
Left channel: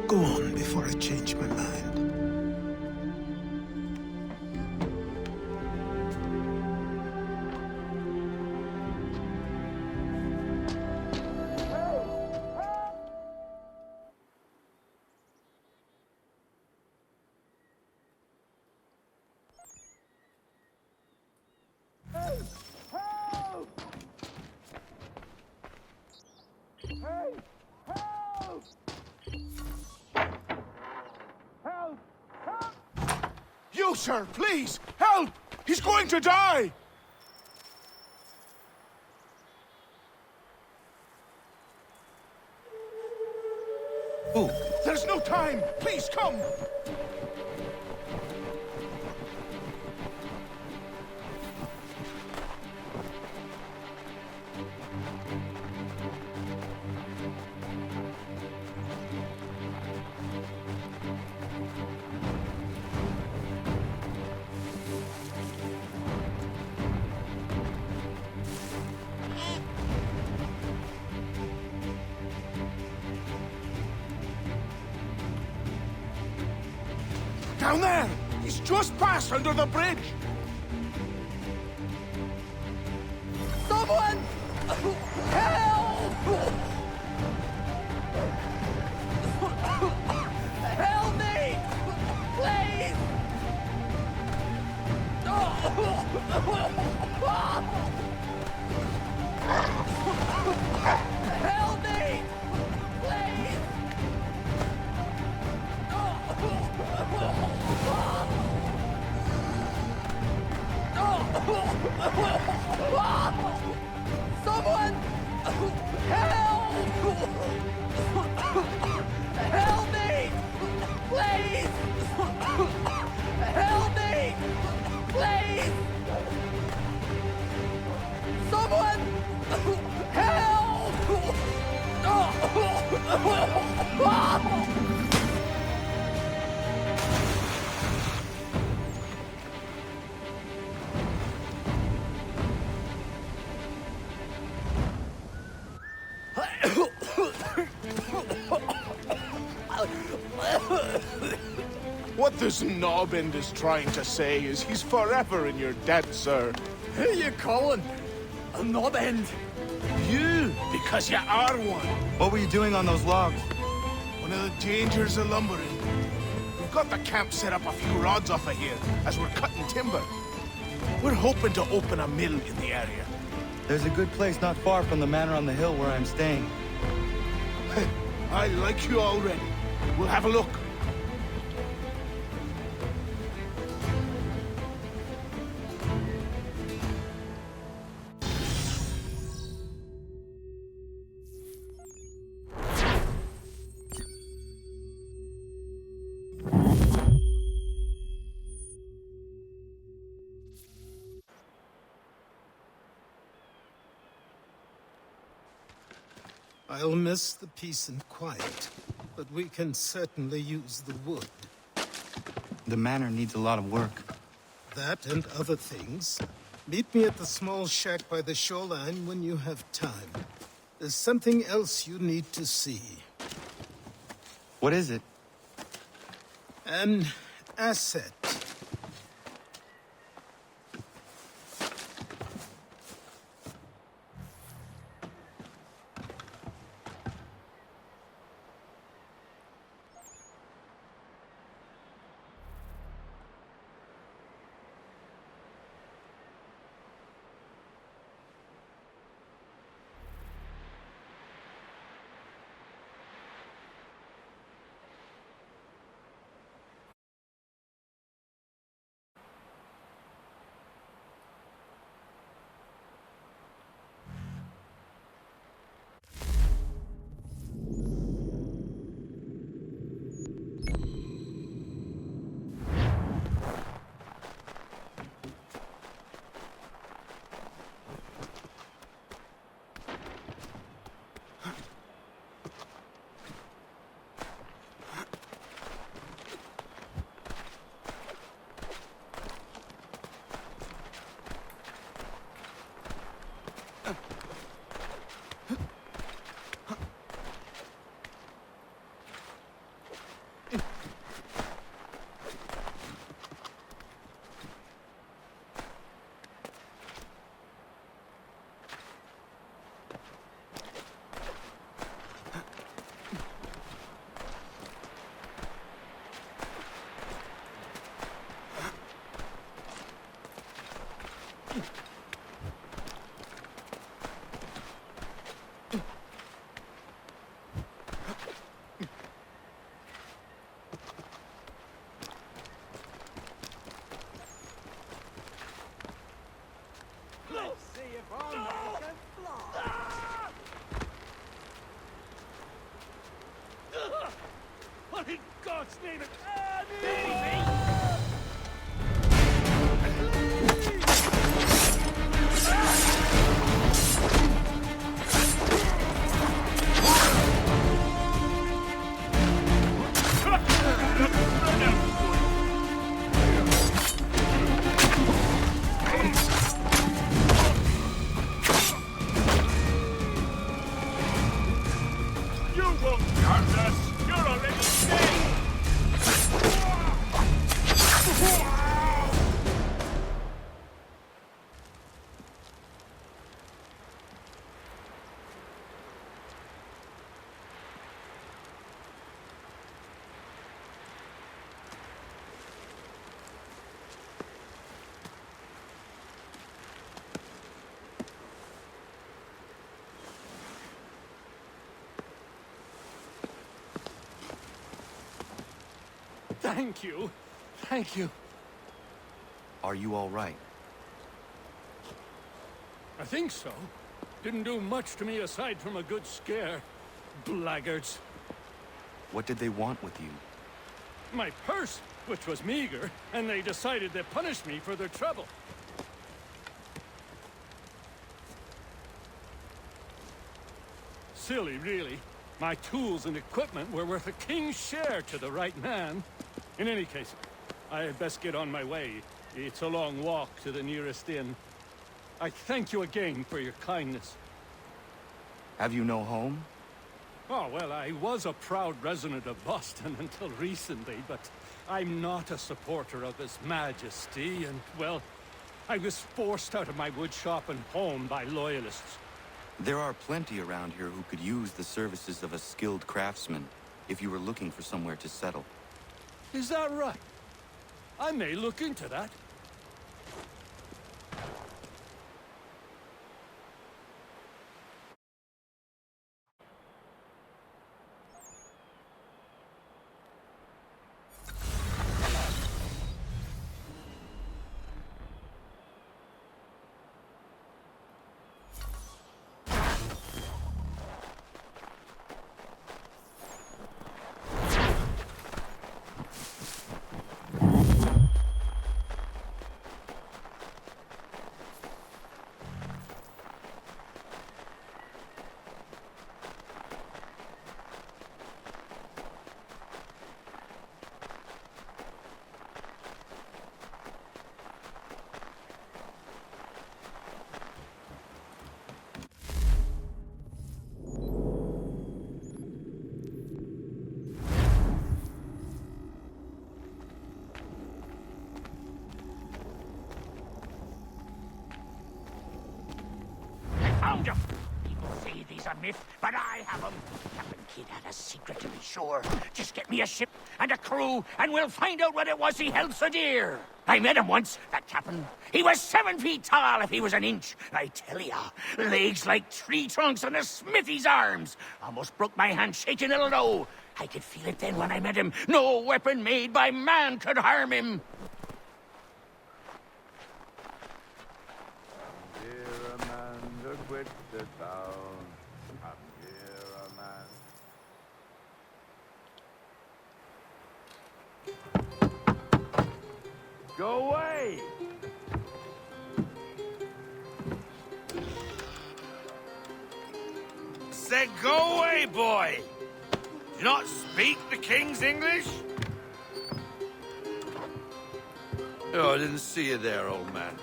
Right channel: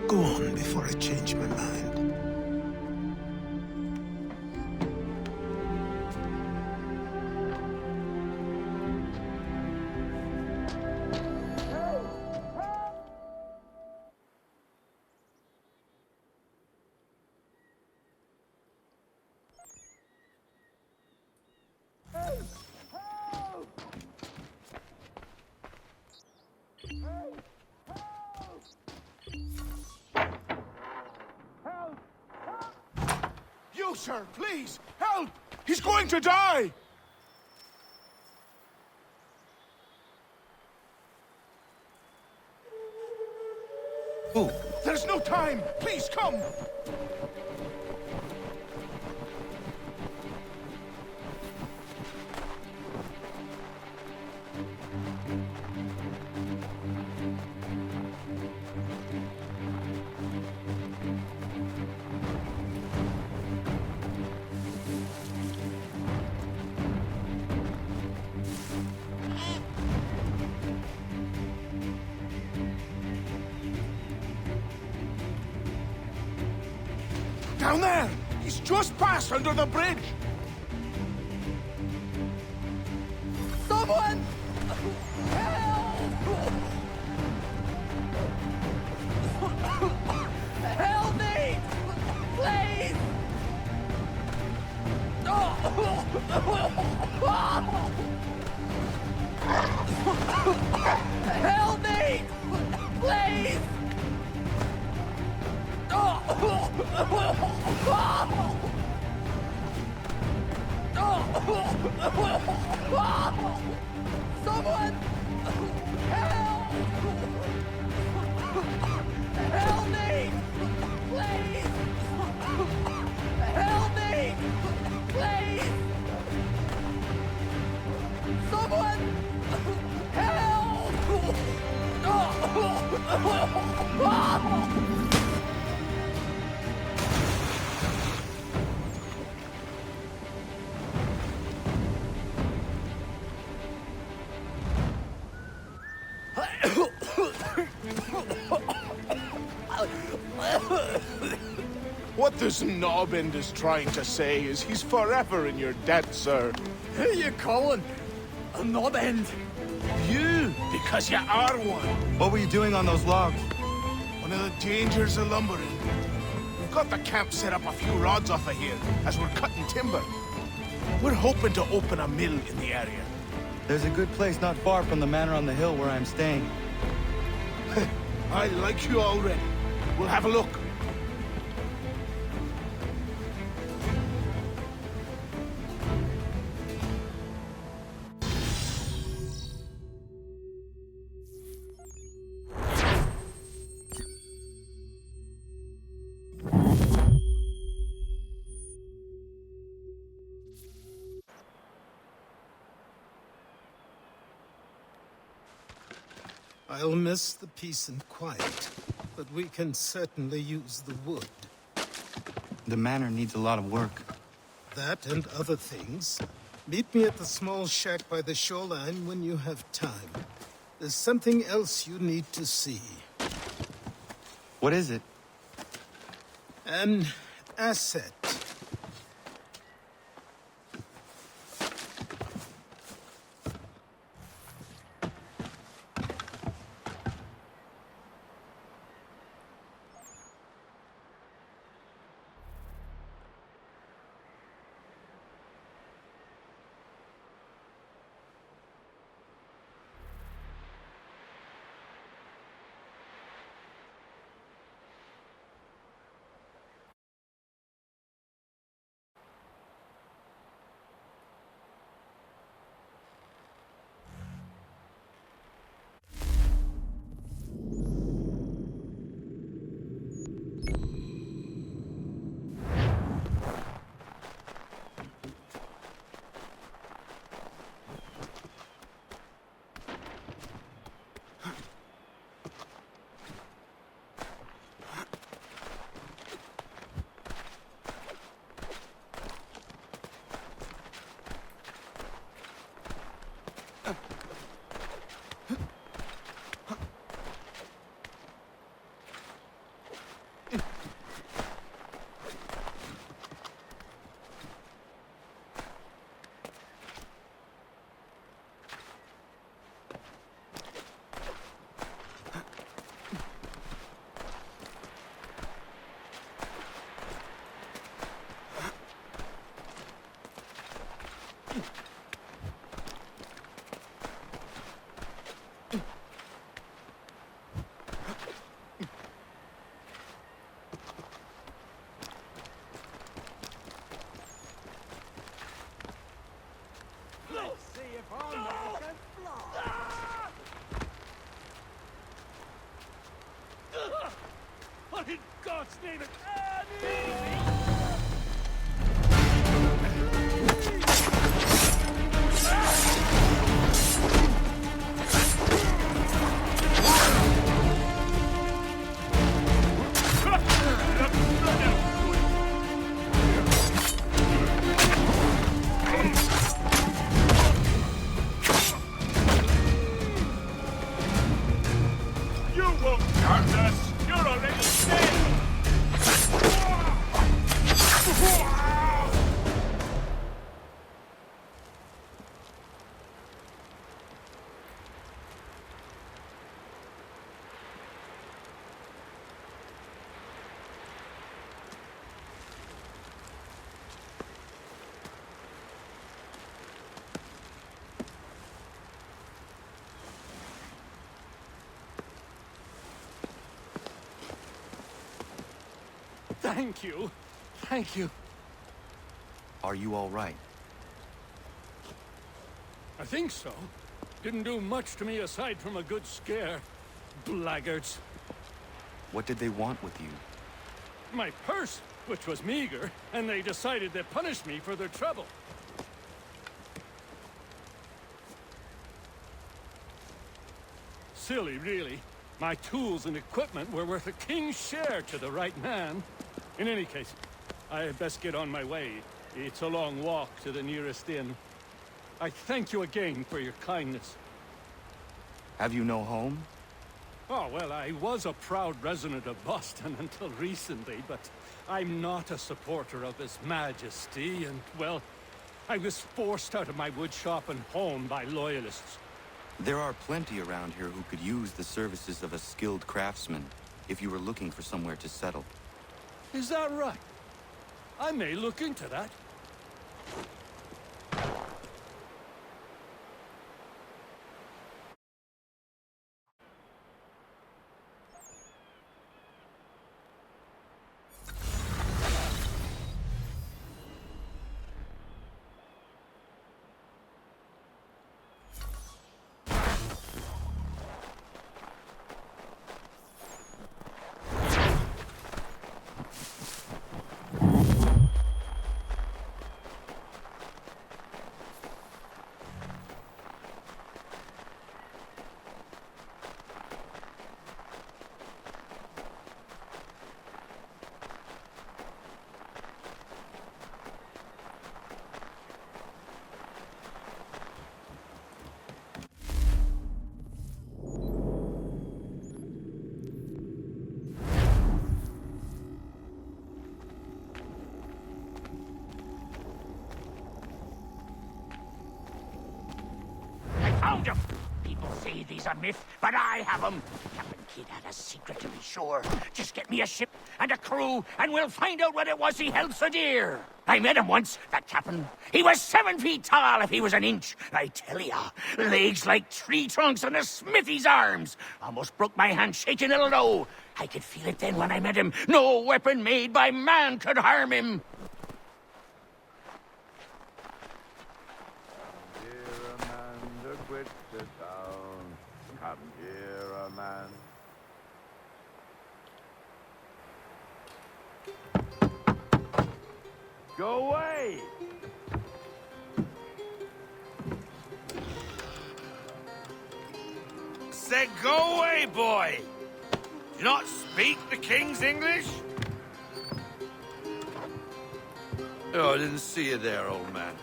Go on before I change my mind. You, sir, please, help! He's going to die! Who? There's no time! Please, come! Down there! He's just passed under the bridge! Someone! Help! Help me! Please! Help me! Please! Someone! Help! Help me! Please! Help me! Please! Someone! Help! What this knobend is trying to say is he's forever in your debt, sir. Who you calling? A knobend? You, because you are one. What were you doing on those logs? One of the dangers of lumbering. We've got the camp set up a few rods off of here, as we're cutting timber. We're hoping to open a mill in the area. There's a good place not far from the manor on the hill where I'm staying. I like you already. We'll have a look. I'll miss the peace and quiet, but we can certainly use the wood. The manor needs a lot of work. That and other things. Meet me at the small shack by the shoreline when you have time. There's something else you need to see. What is it? An asset. Let's see if our man can fly. What in God's name is... You won't hurt us! You're already dead! Thank you. Thank you. Are you all right? I think so. Didn't do much to me aside from a good scare. Blackguards. What did they want with you? My purse, which was meager, and they decided to punish me for their trouble. Silly, really. My tools and equipment were worth a king's share to the right man. In any case, I had best get on my way. It's a long walk to the nearest inn. I thank you again for your kindness. Have you no home? Oh, well, I was a proud resident of Boston until recently, but I'm not a supporter of His Majesty, and, well, I was forced out of my woodshop and home by loyalists. There are plenty around here who could use the services of a skilled craftsman, if you were looking for somewhere to settle. Is that right? I may look into that. He's a myth, but I have him. Captain Kidd had a secret, to be sure. Just get me a ship and a crew, and we'll find out what it was he held so dear. I met him once, that captain. He was 7 feet tall if he was an inch. I tell ya, legs like tree trunks and a smithy's arms. Almost broke my hand shaking it'll know. I could feel it then when I met him. No weapon made by man could harm him. Dear Amanda, quit the town. Come here, Amanda. Go away! Said go away, boy! Do you not speak the King's English? Oh, I didn't see you there, old man.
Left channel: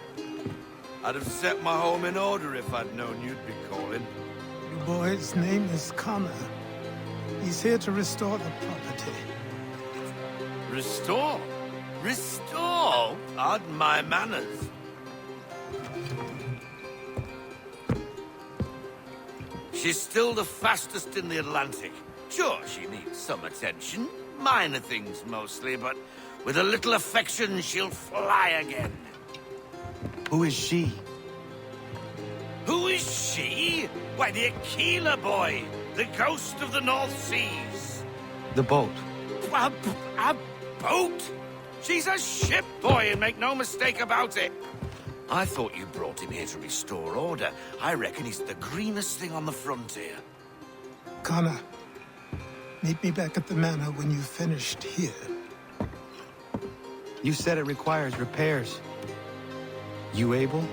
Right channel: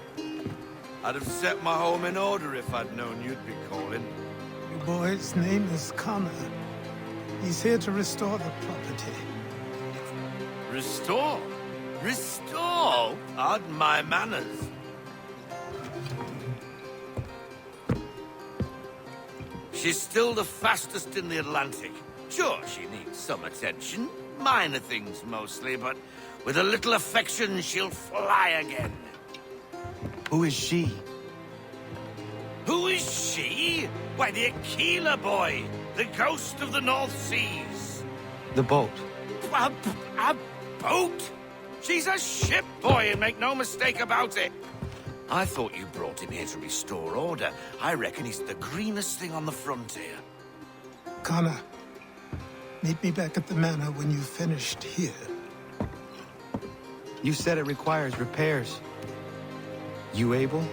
I'd have set my home in order if I'd known you'd be calling. The boy's name is Connor. He's here to restore the property. Restore? Restore? Pardon my manners. She's still the fastest in the Atlantic. Sure, she needs some attention. Minor things mostly, but with a little affection, she'll fly again. Who is she? Who is she? Why, the Aquila boy, the ghost of the North Seas. The boat. A boat? She's a ship, boy, and make no mistake about it. I thought you brought him here to restore order. I reckon he's the greenest thing on the frontier. Connor, meet me back at the manor when you've finished here. You said it requires repairs. You able?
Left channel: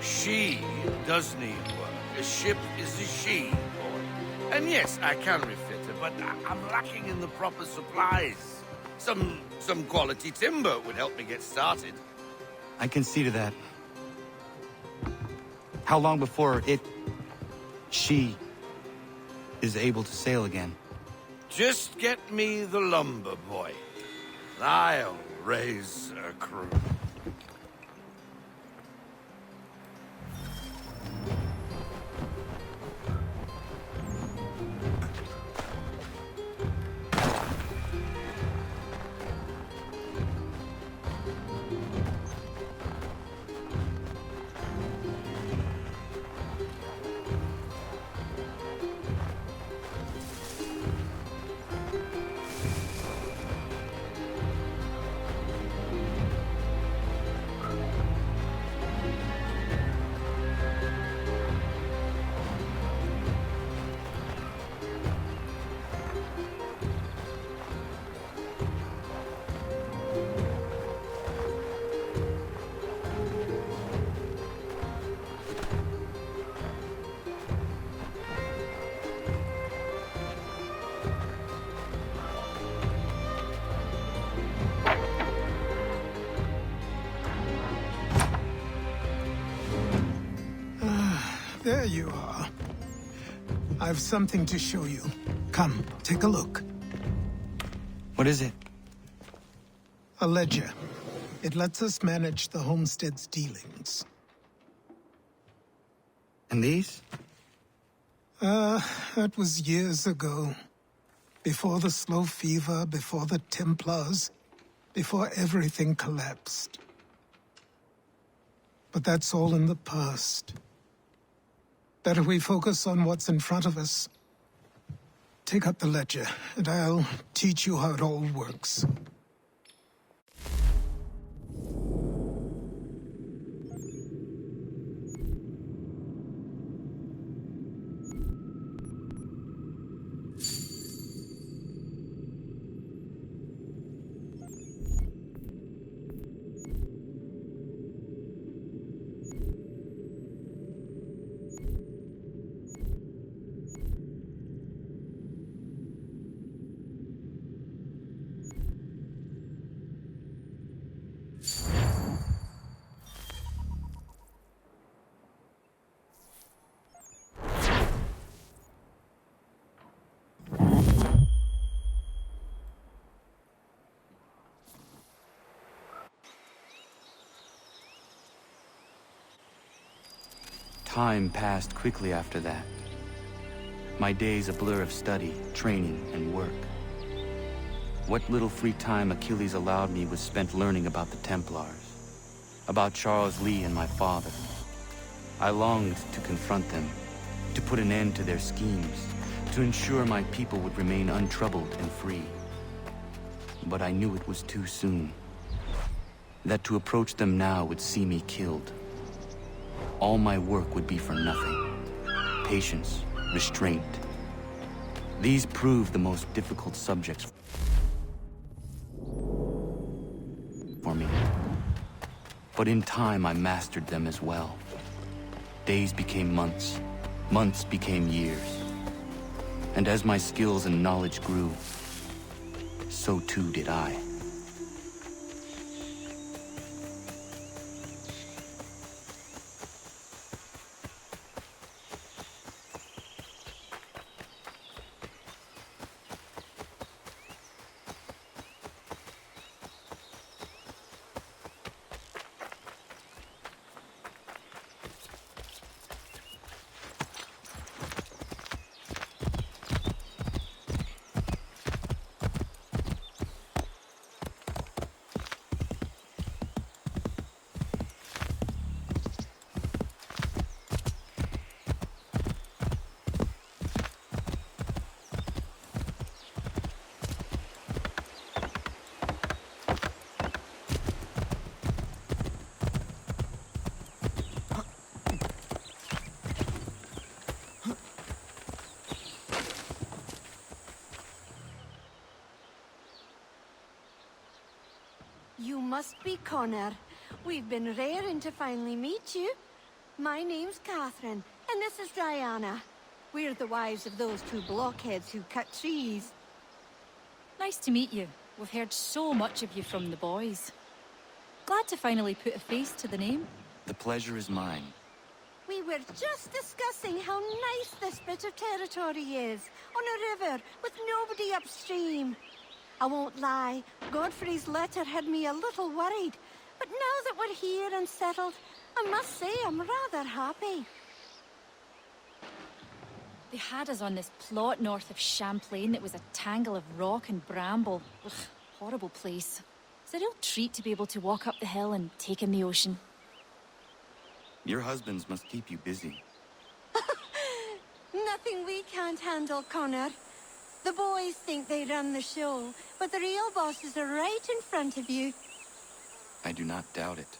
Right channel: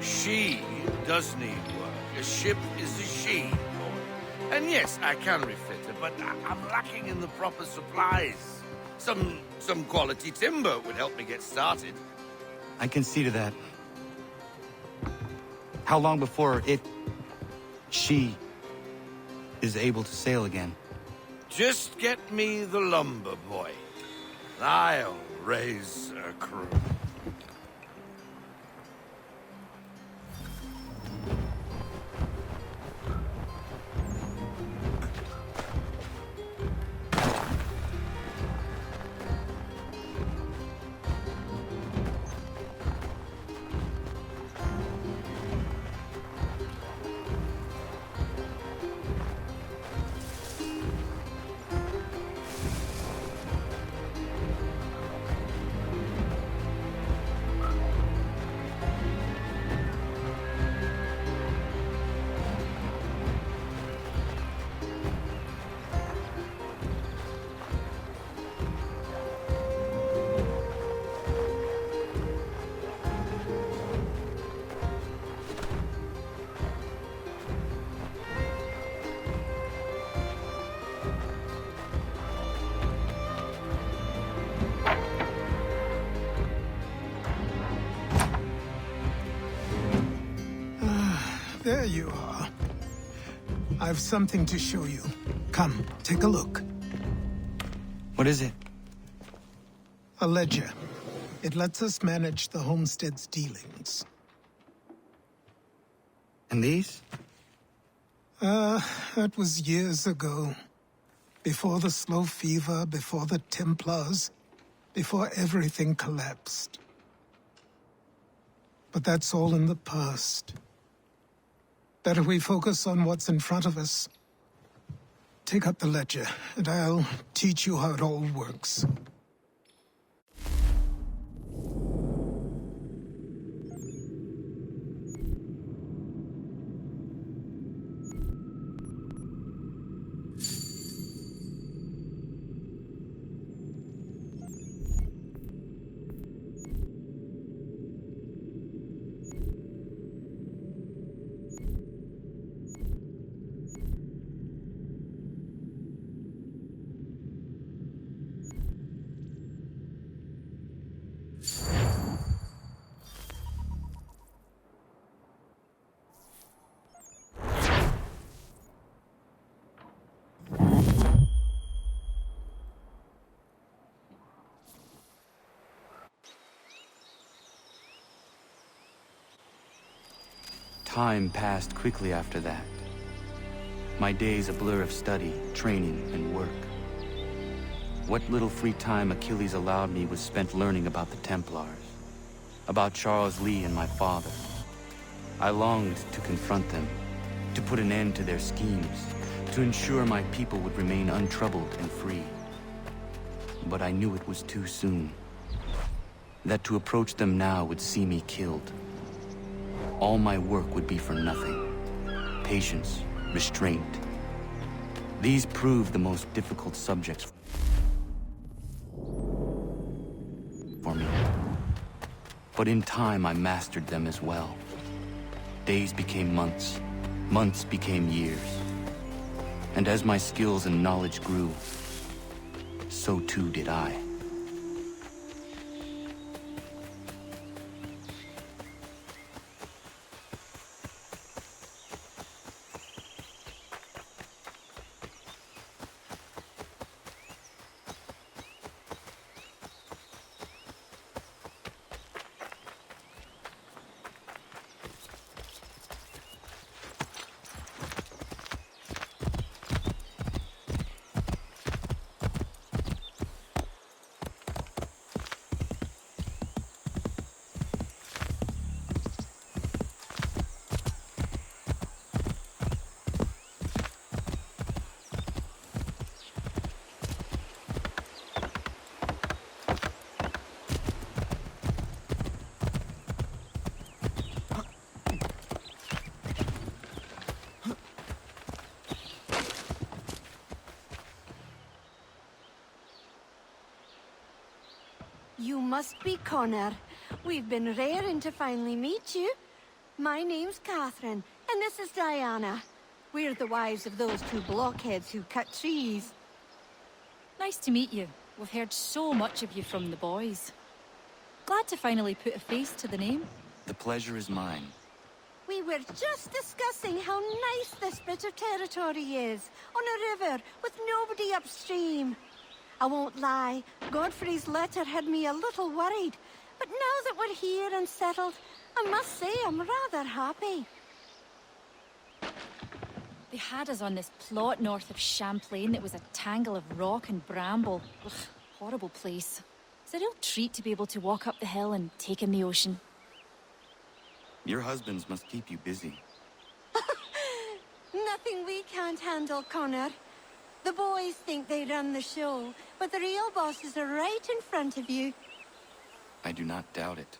She does need work. A ship is a she, boy. And yes, I can refit her, but I'm lacking in the proper supplies. Some quality timber would help me get started. I can see to that. How long before she is able to sail again? Just get me the lumber, boy. I'll raise a crew. There you are. I've something to show you. Come, take a look. What is it? A ledger. It lets us manage the homestead's dealings. And these? That was years ago. Before the slow fever, before the Templars, before everything collapsed. But that's all in the past. Better we focus on what's in front of us. Take up the ledger, and I'll teach you how it all works. Time passed quickly after that. My days a blur of study, training, and work. What little free time Achilles allowed me was spent learning about the Templars, about Charles Lee and my father. I longed to confront them, to put an end to their schemes, to ensure my people would remain untroubled and free. But I knew it was too soon, that to approach them now would see me killed. All my work would be for nothing. Patience, restraint. These proved the most difficult subjects for me. But in time, I mastered them as well. Days became months. Months became years. And as my skills and knowledge grew, so too did I. You must be Connor. We've been raring to finally meet you. My name's Catherine, and this is Diana. We're the wives of those two blockheads who cut trees. Nice to meet you. We've heard so much of you from the boys. Glad to finally put a face to the name. The pleasure is mine. We were just discussing how nice this bit of territory is, on a river, with nobody upstream. I won't lie, Godfrey's letter had me a little worried, but now that we're here and settled, I must say I'm rather happy. They had us on this plot north of Champlain that was a tangle of rock and bramble. Ugh, horrible place. It's a real treat to be able to walk up the hill and take in the ocean. Your husbands must keep you busy. Nothing we can't handle, Connor. The boys think they run the show, but the real bosses are right in front of you. I do not doubt it.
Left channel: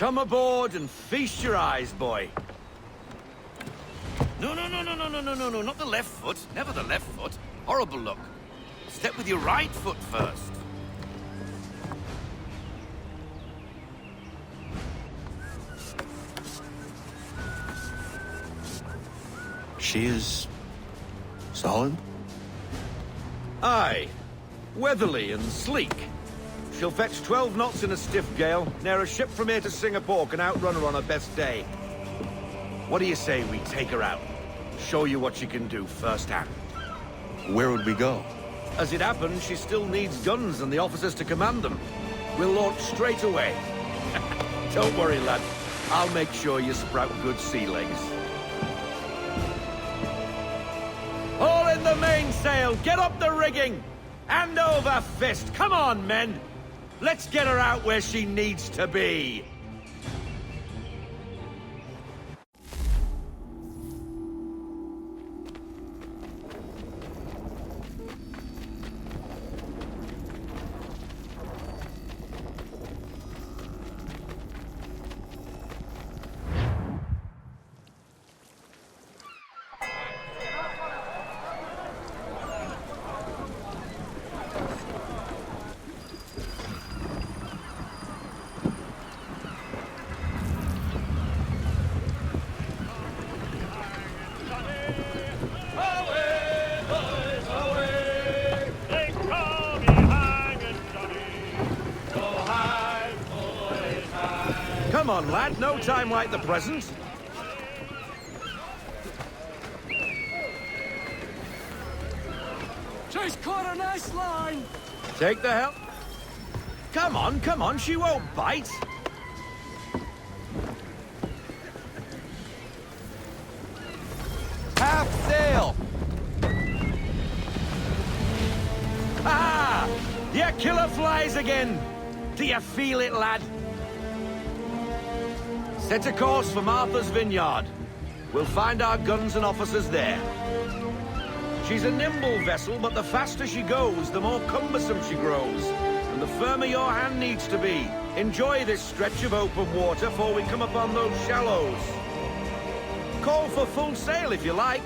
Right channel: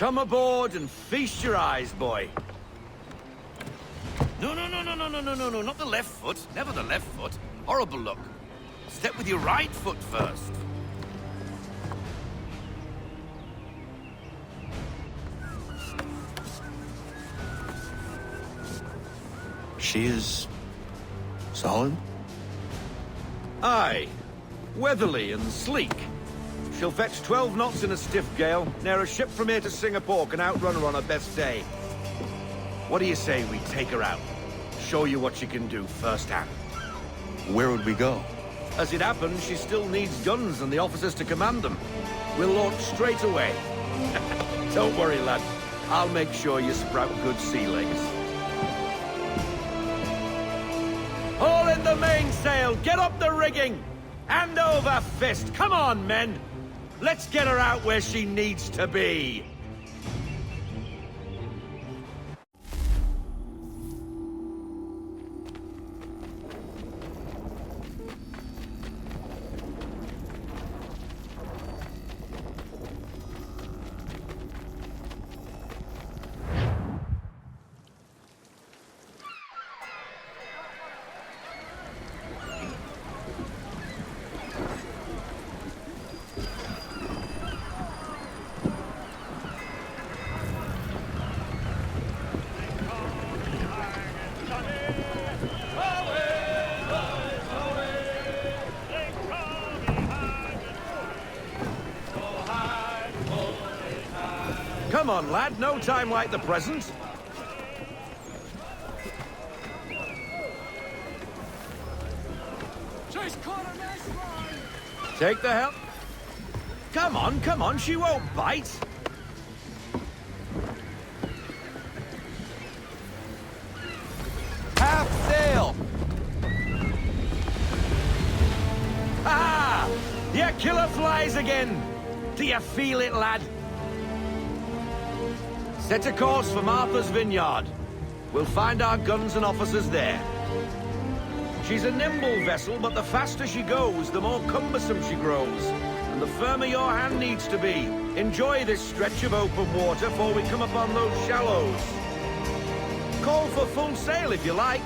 Come aboard and feast your eyes, boy. No, not the left foot. Never the left foot. Horrible look. Step with your right foot first. She is... solid? Aye. Weatherly and sleek. She'll fetch 12 knots in a stiff gale. Ne'er a ship from here to Singapore can outrun her on her best day. What do you say we take her out? Show you what she can do firsthand. Where would we go? As it happens, she still needs guns and the officers to command them. We'll launch straight away. Don't worry, lad. I'll make sure you sprout good sea legs. Haul in the mainsail! Get up the rigging! Hand over fist! Come on, men! Let's get her out where she needs to be! Come on, lad. No time like the present. Just caught a nice line. Take the helm. Come on. She won't bite. Half sail! Ah! Your killer flies again. Do you feel it, lad? Set a course for Martha's Vineyard. We'll find our guns and officers there. She's a nimble vessel, but the faster she goes, the more cumbersome she grows. And the firmer your hand needs to be. Enjoy this stretch of open water before we come upon those shallows. Call for full sail if you like.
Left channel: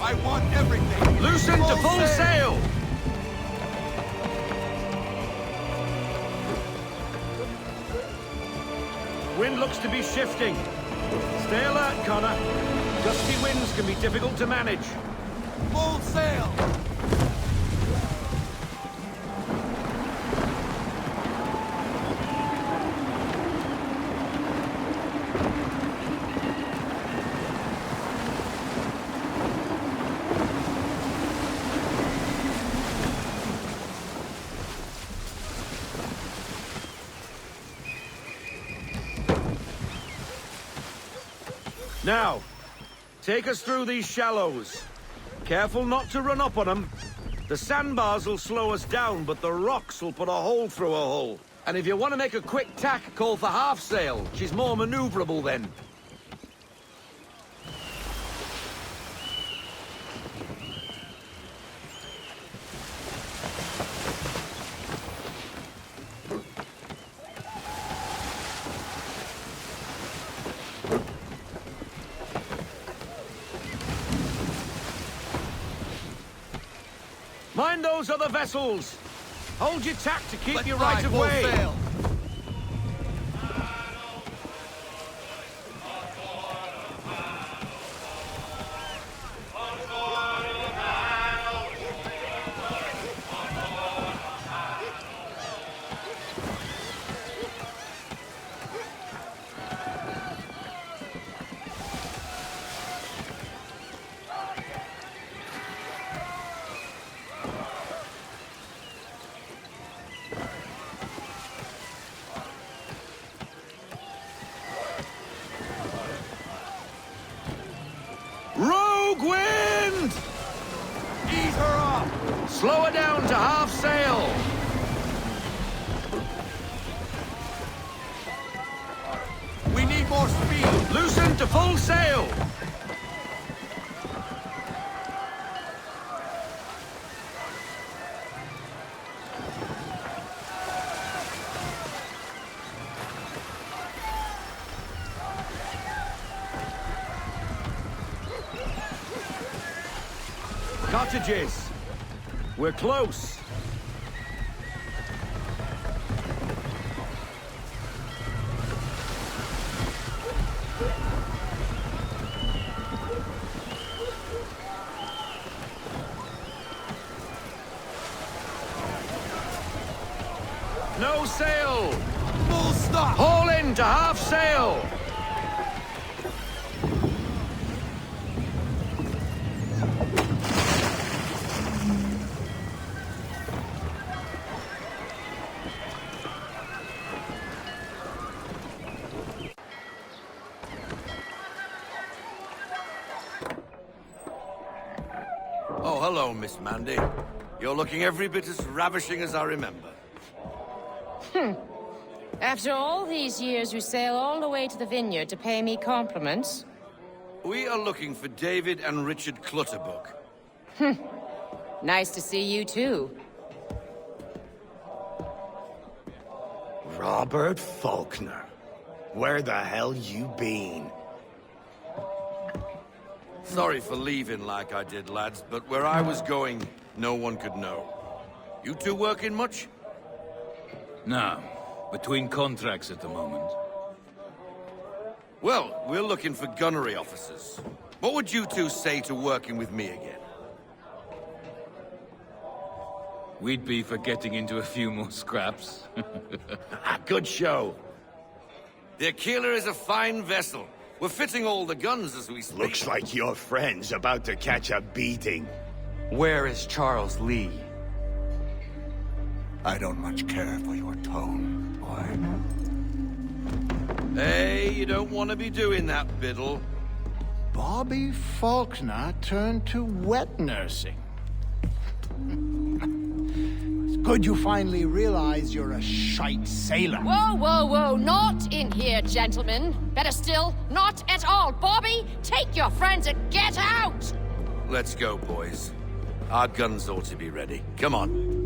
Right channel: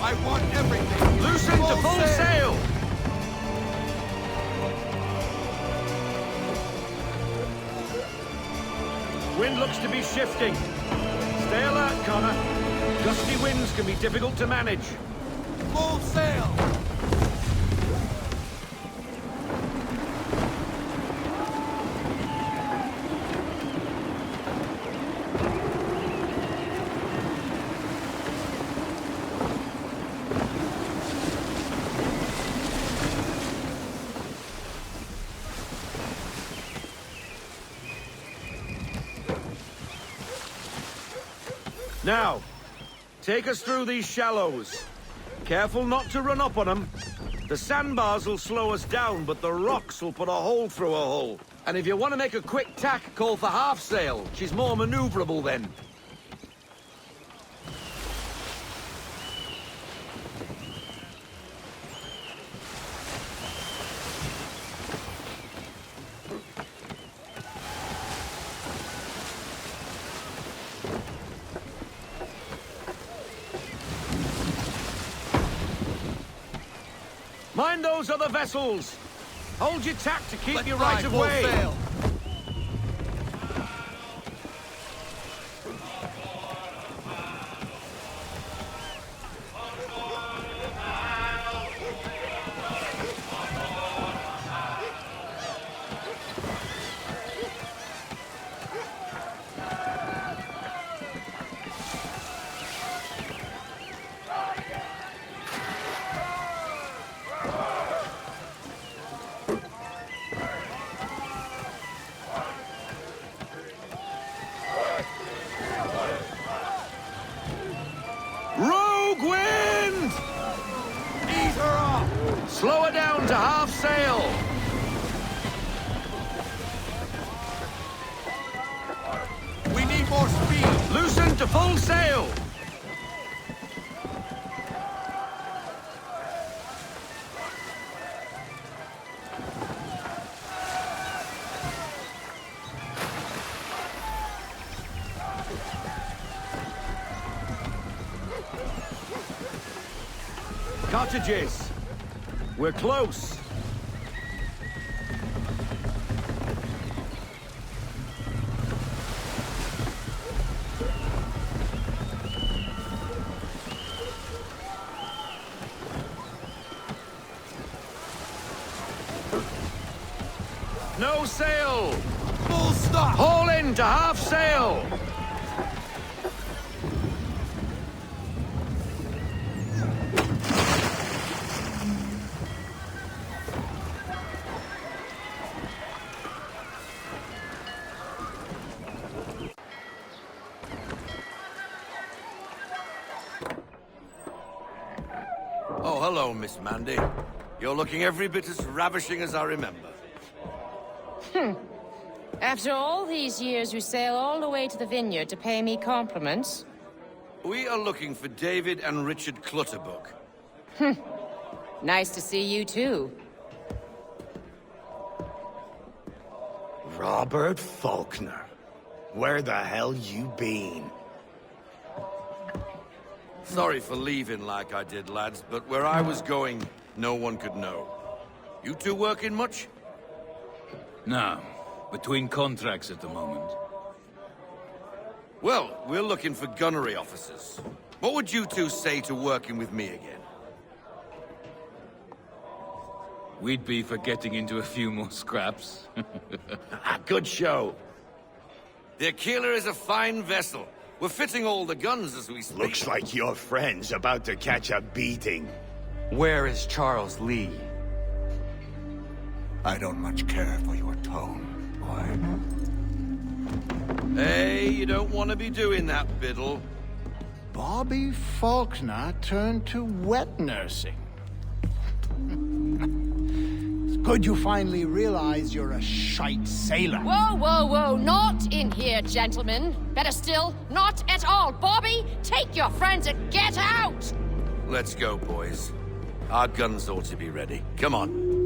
I want everything! Loosen to full sail! Wind looks to be shifting. Stay alert, Connor. Gusty winds can be difficult to manage. Full sail! Now, take us through these shallows. Careful not to run up on them. The sandbars will slow us down, but the rocks will put a hole through a hull. And if you want to make a quick tack, call for half sail. She's more maneuverable then. Mind those other vessels! Hold your tack to keep your right of way! Sail. Rogue wind! Ease her up! Slow her down to half sail! We need more speed! Loosen to full sail! Cottages! We're close! No sail! Full stop! Haul in to half sail! Oh, hello, Miss Mandy. You're looking every bit as ravishing as I remember. After all these years, you sail all the way to the vineyard to pay me compliments? We are looking for David and Richard Clutterbuck. Nice to see you, too. Robert Faulkner. Where the hell you been? Sorry for leaving like I did, lads, but where I was going, no one could know. You two working much? No. Between contracts at the moment. Well, we're looking for gunnery officers. What would you two say to working with me again? We'd be for getting into a few more scraps. Good show. The Aquila is a fine vessel. We're fitting all the guns as we speak. Looks like your friend's about to catch a beating. Where is Charles Lee? I don't much care for your tone, boy. Hey, you don't want to be doing that, Biddle. Bobby Faulkner turned to wet nursing. It's good you finally realize you're a shite sailor. Whoa, whoa, whoa, not in here, gentlemen. Better still, not at all. Bobby, take your friends and get out! Let's go, boys. Our guns ought to be ready. Come on.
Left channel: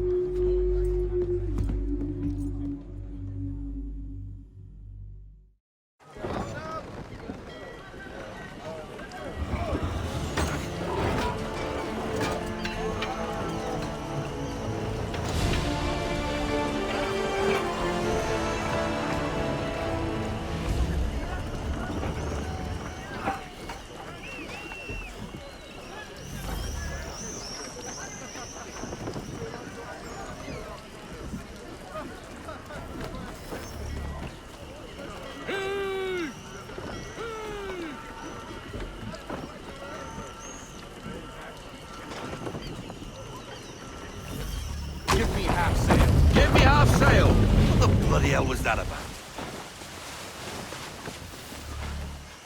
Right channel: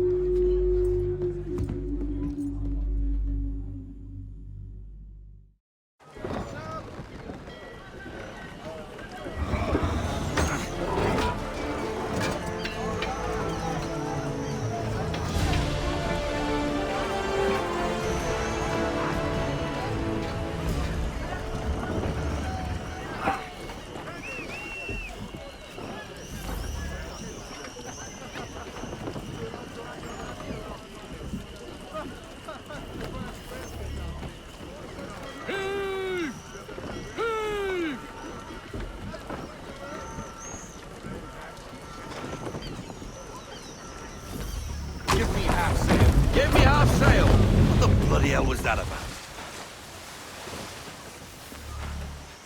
Give me half sail. Give me half sail! What the bloody hell was that about?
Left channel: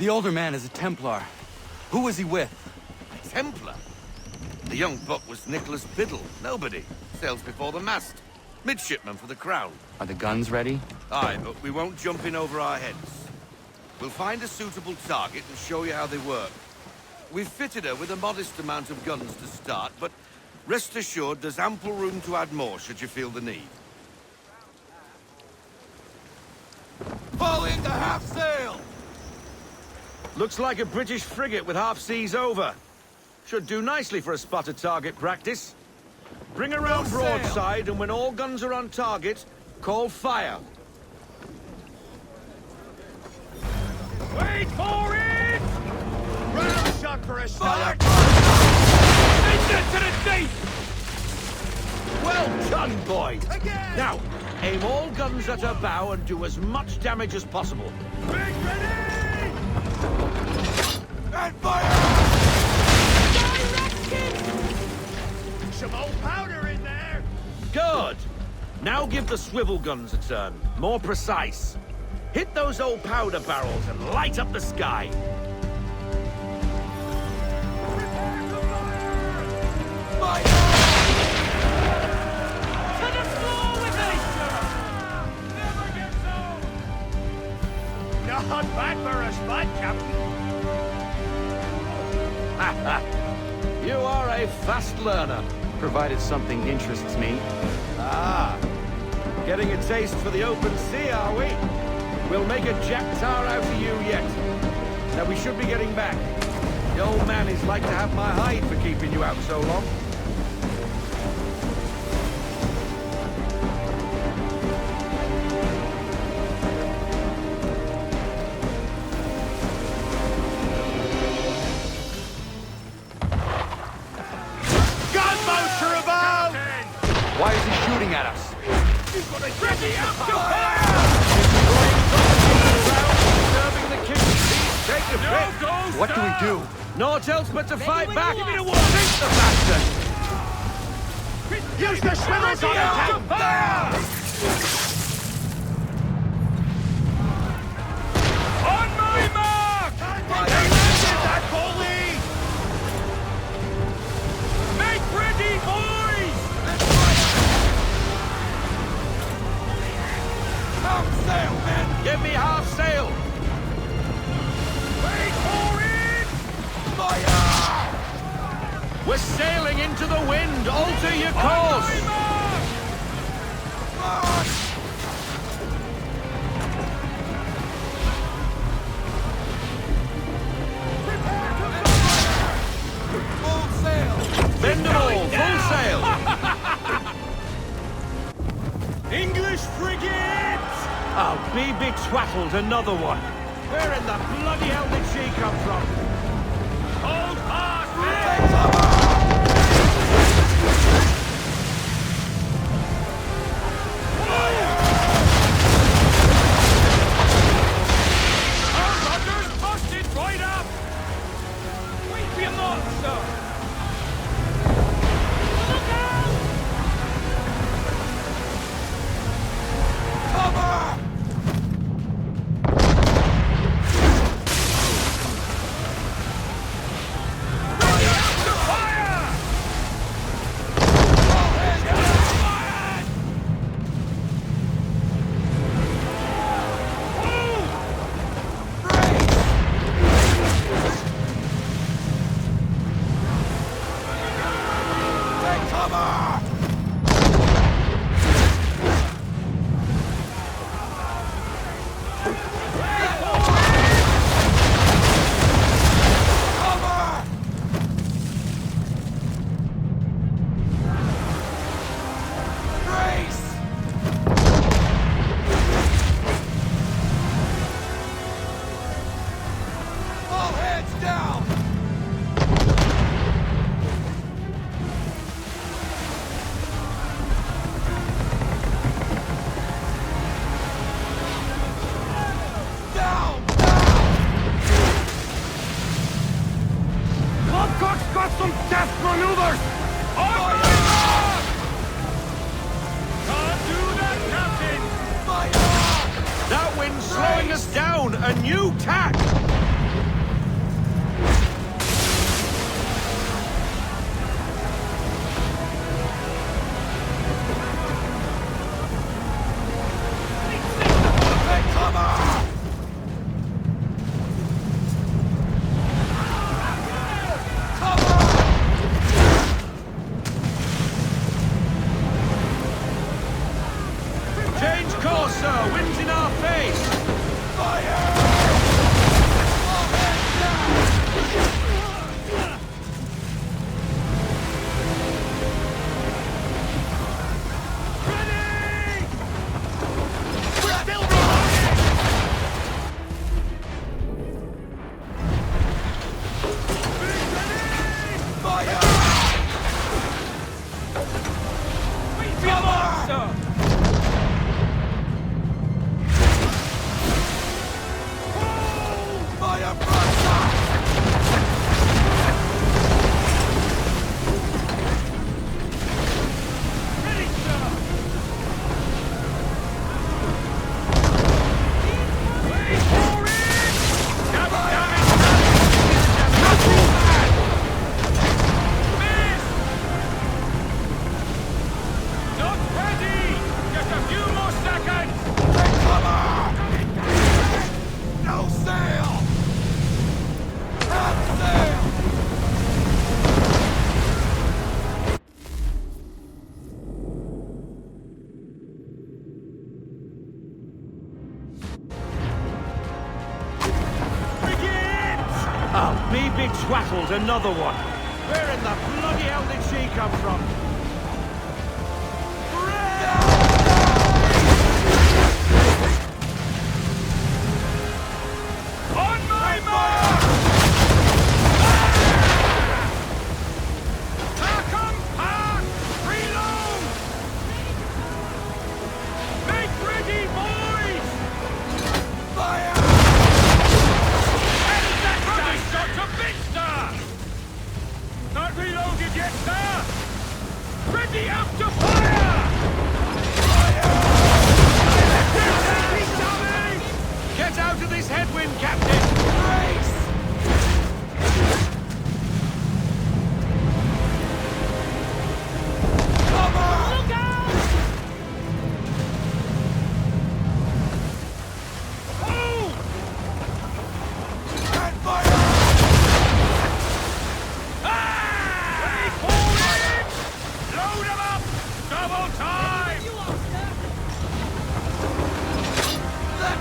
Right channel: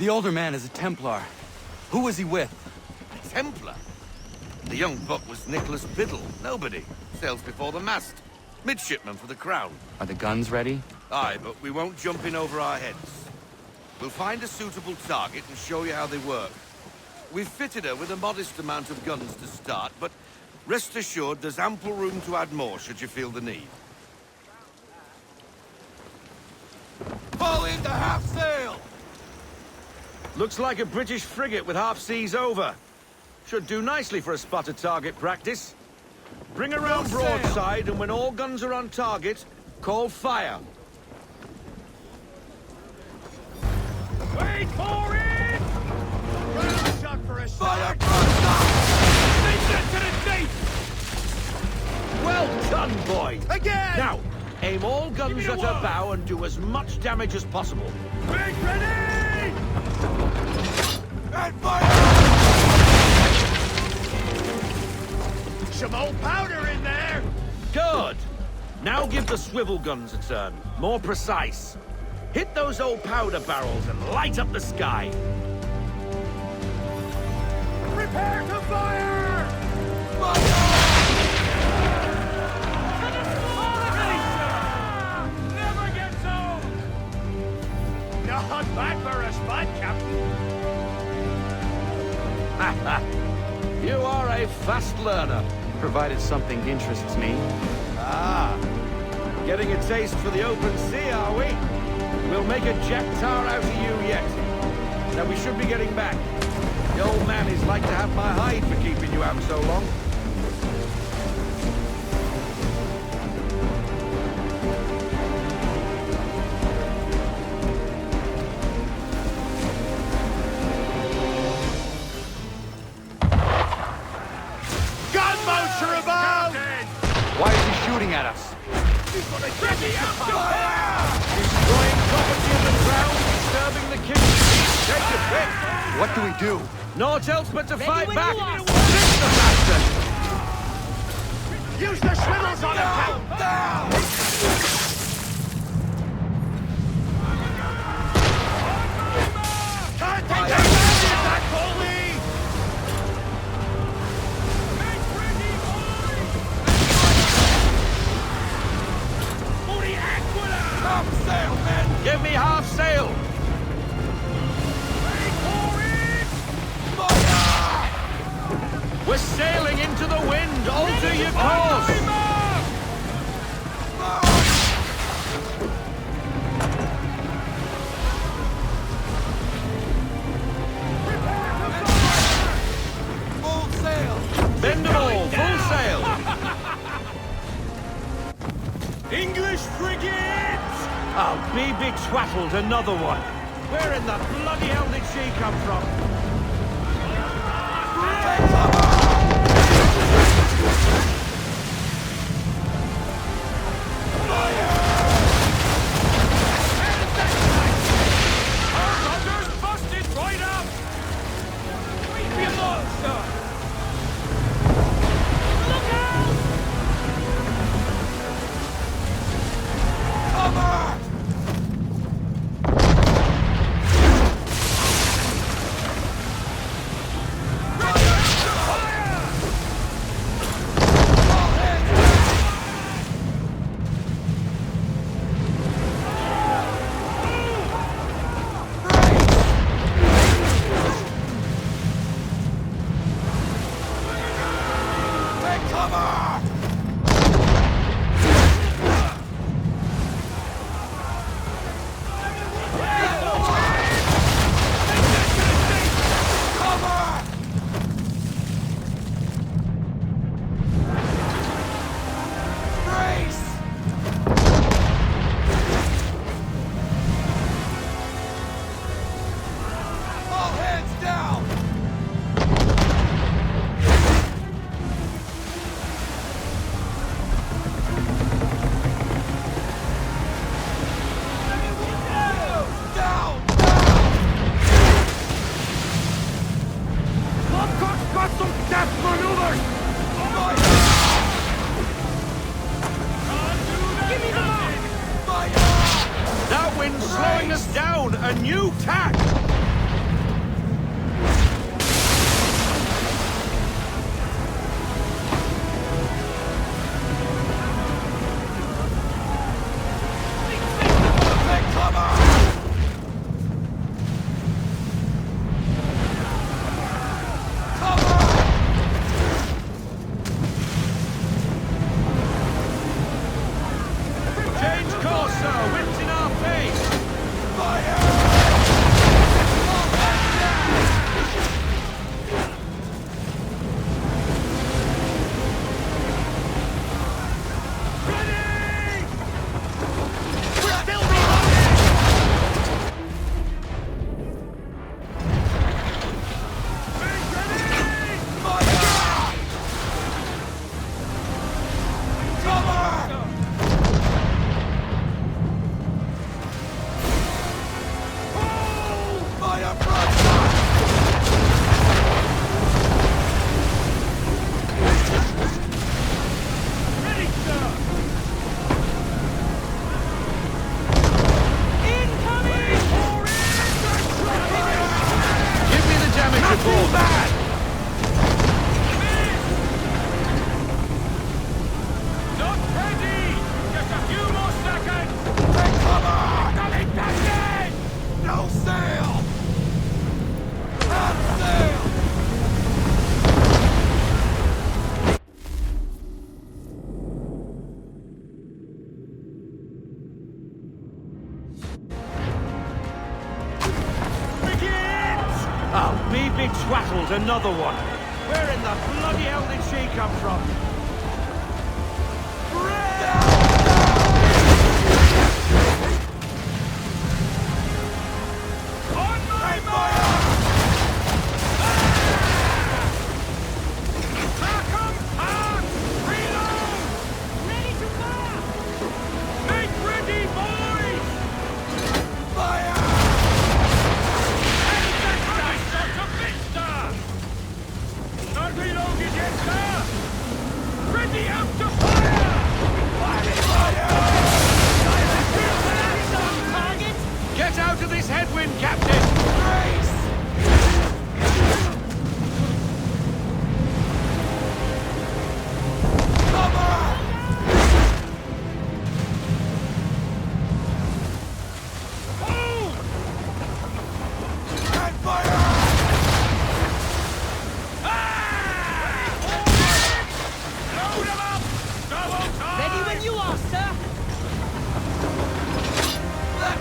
The older man is a Templar. Who was he with? A Templar? The young buck was Nicholas Biddle. Nobody. Sails before the mast. Midshipman for the Crown. Are the guns ready? Aye, but we won't jump in over our heads. We'll find a suitable target and show you how they work. We've fitted her with a modest amount of guns to start, but rest assured there's ample room to add more should you feel the need. Fall into half sail! Looks like a British frigate with half seas over. Should do nicely for a spotted target practice. Bring around broadside, and when all guns are on target, call fire. Wait for it! Fire! Send it to the deep! Well done, boy! Again! Now, aim all guns at her bow and do as much damage as possible. Make ready! And fire! Some old powder in there! Good! Now give the swivel guns a turn. More precise. Hit those old powder barrels and light up the sky. Prepare to fire! Fire! Ready, sir! Never gets old! Not bad for a spot, Captain. You are a fast learner. Provided something interests me. Ah, getting a taste for the open sea, are we? We'll make a jack tar out of you yet. Now we should be getting back. The old man is like to have my hide for keeping you out so long. Gunboats are about! Why is he shooting at us? You've got a ready up to fire! Destroying property in the ground, disturbing the king's peace. Take your pick. What do we do? Naught else but to fight back. Sink the bastard! Ready up to fire! On my mark! Can't take a shot! Make ready, boys! Half sail, men! Give me half sail! Wait for it! Fire! We're sailing into the wind. Alter your course. On my mark! March! Prepare to fire! Full sail! Bend them all. Full sail. English frigates! I'll be betwaddled, another one. Where in the bloody hell did she come from? Hold fast, Take men! cover! Our rudders busted right up! Wait for your mark, sir! Cover! Ready up to fire! All hands down! Brace! Take cover! Cover! Brace! All hands down! Down! Down! Lobcock's got some death maneuvers! Fire! Can't do that, Captain! Fire! That wind's slowing us down. A new tack. She betwaddled another one. Where in the bloody hell did she come from? On my mark! Pack 'em, pack! Reload! Make ready, boys! Fire! And that's a shot to bits, sir! Not reloaded yet, sir! Ready up to fire! Get out of this headwind, Captain! Brace! Cover! Hold! And fire! Load 'em up! Double time! Ready when you are, sir! Let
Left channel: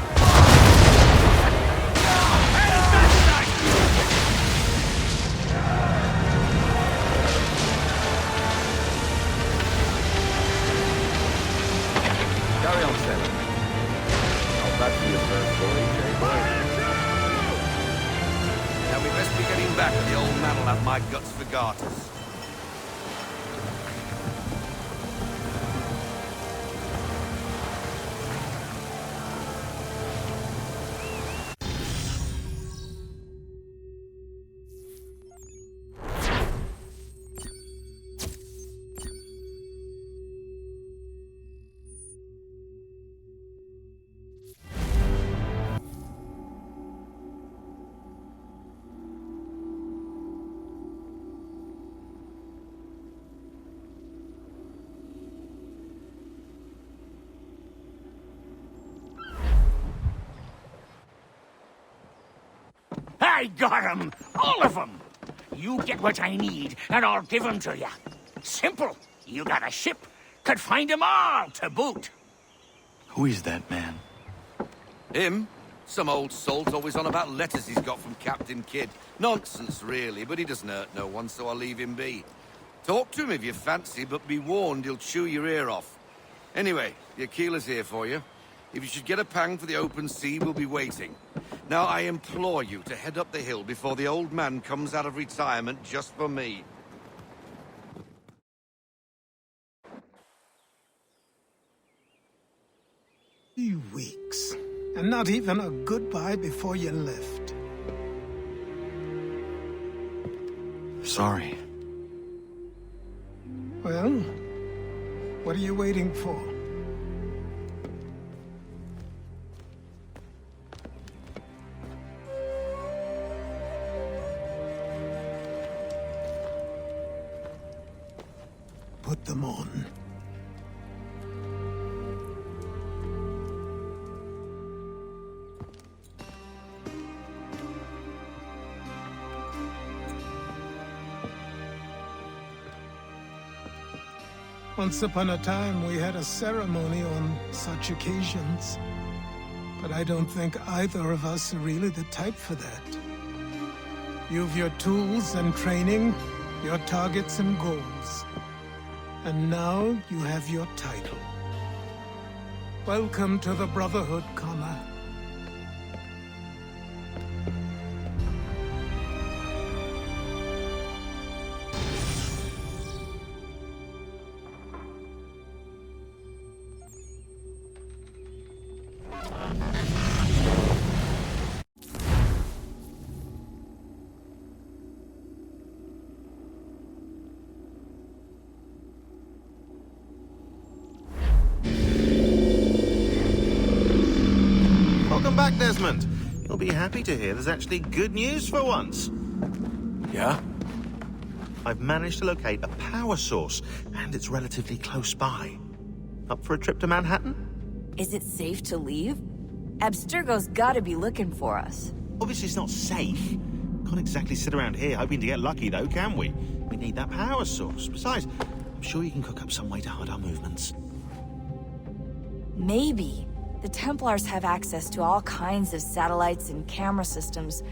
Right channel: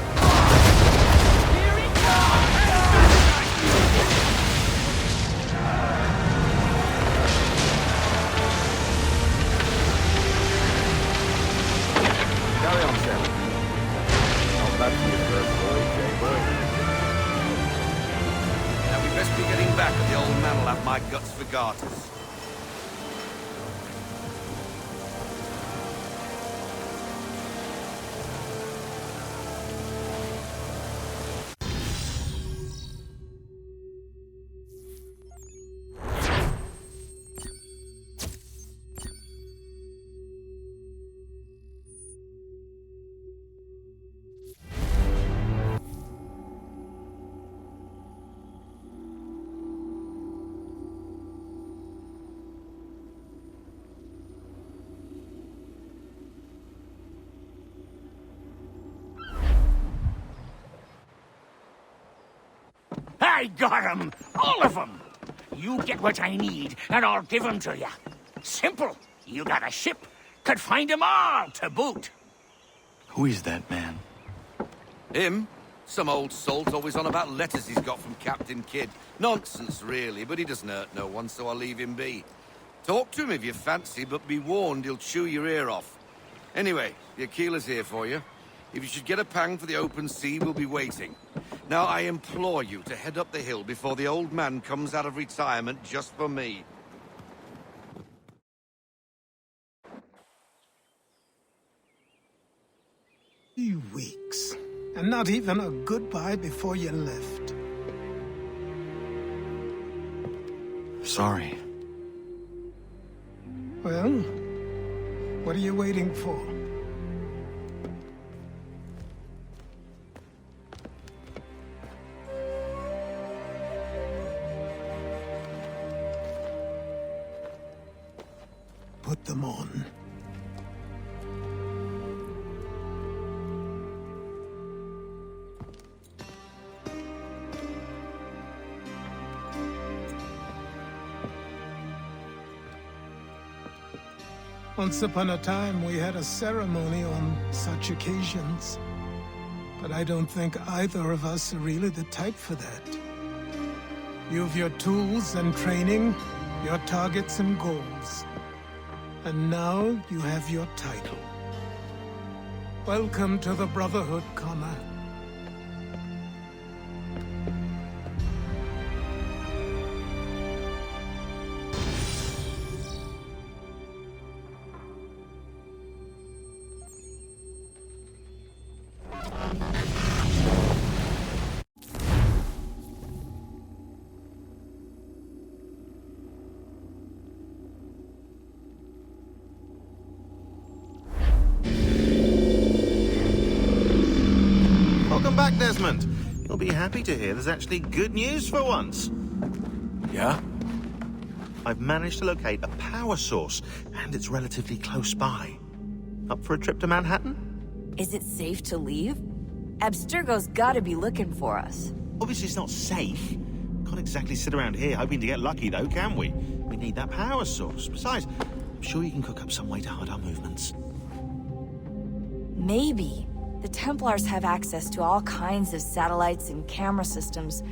Carry on, sailor. Not bad for your first voyage, eh, boy? Now we best be getting back, or the old man'll have my guts for garters. I got 'em! All of 'em! You get what I need, and I'll give 'em to you. Simple. You got a ship. Could find 'em all to boot. Who is that man? Him? Some old salt always on about letters he's got from Captain Kidd. Nonsense, really, but he doesn't hurt no one, so I'll leave him be. Talk to him if you fancy, but be warned he'll chew your ear off. Anyway, your keeler's here for you. If you should get a pang for the open sea, we'll be waiting. Now, I implore you to head up the hill before the old man comes out of retirement just for me. 3 weeks, and not even a goodbye before you left. Sorry. Well, what are you waiting for? Put them on. Once upon a time, we had a ceremony on such occasions. But I don't think either of us are really the type for that. You've your tools and training, your targets and goals. And now you have your title. Welcome to the Brotherhood, Connor. Welcome back, Desmond. You'll be happy to hear there's actually good news for once. Yeah? I've managed to locate a power source, and it's relatively close by. Up for a trip to Manhattan? Is it safe to leave? Abstergo's gotta be looking for us. Obviously it's not safe. Can't exactly sit around here hoping to get lucky, though, can we? We need that power source. Besides, I'm sure you can cook up some way to hide our movements. Maybe. The Templars have access to all kinds of satellites and camera systems.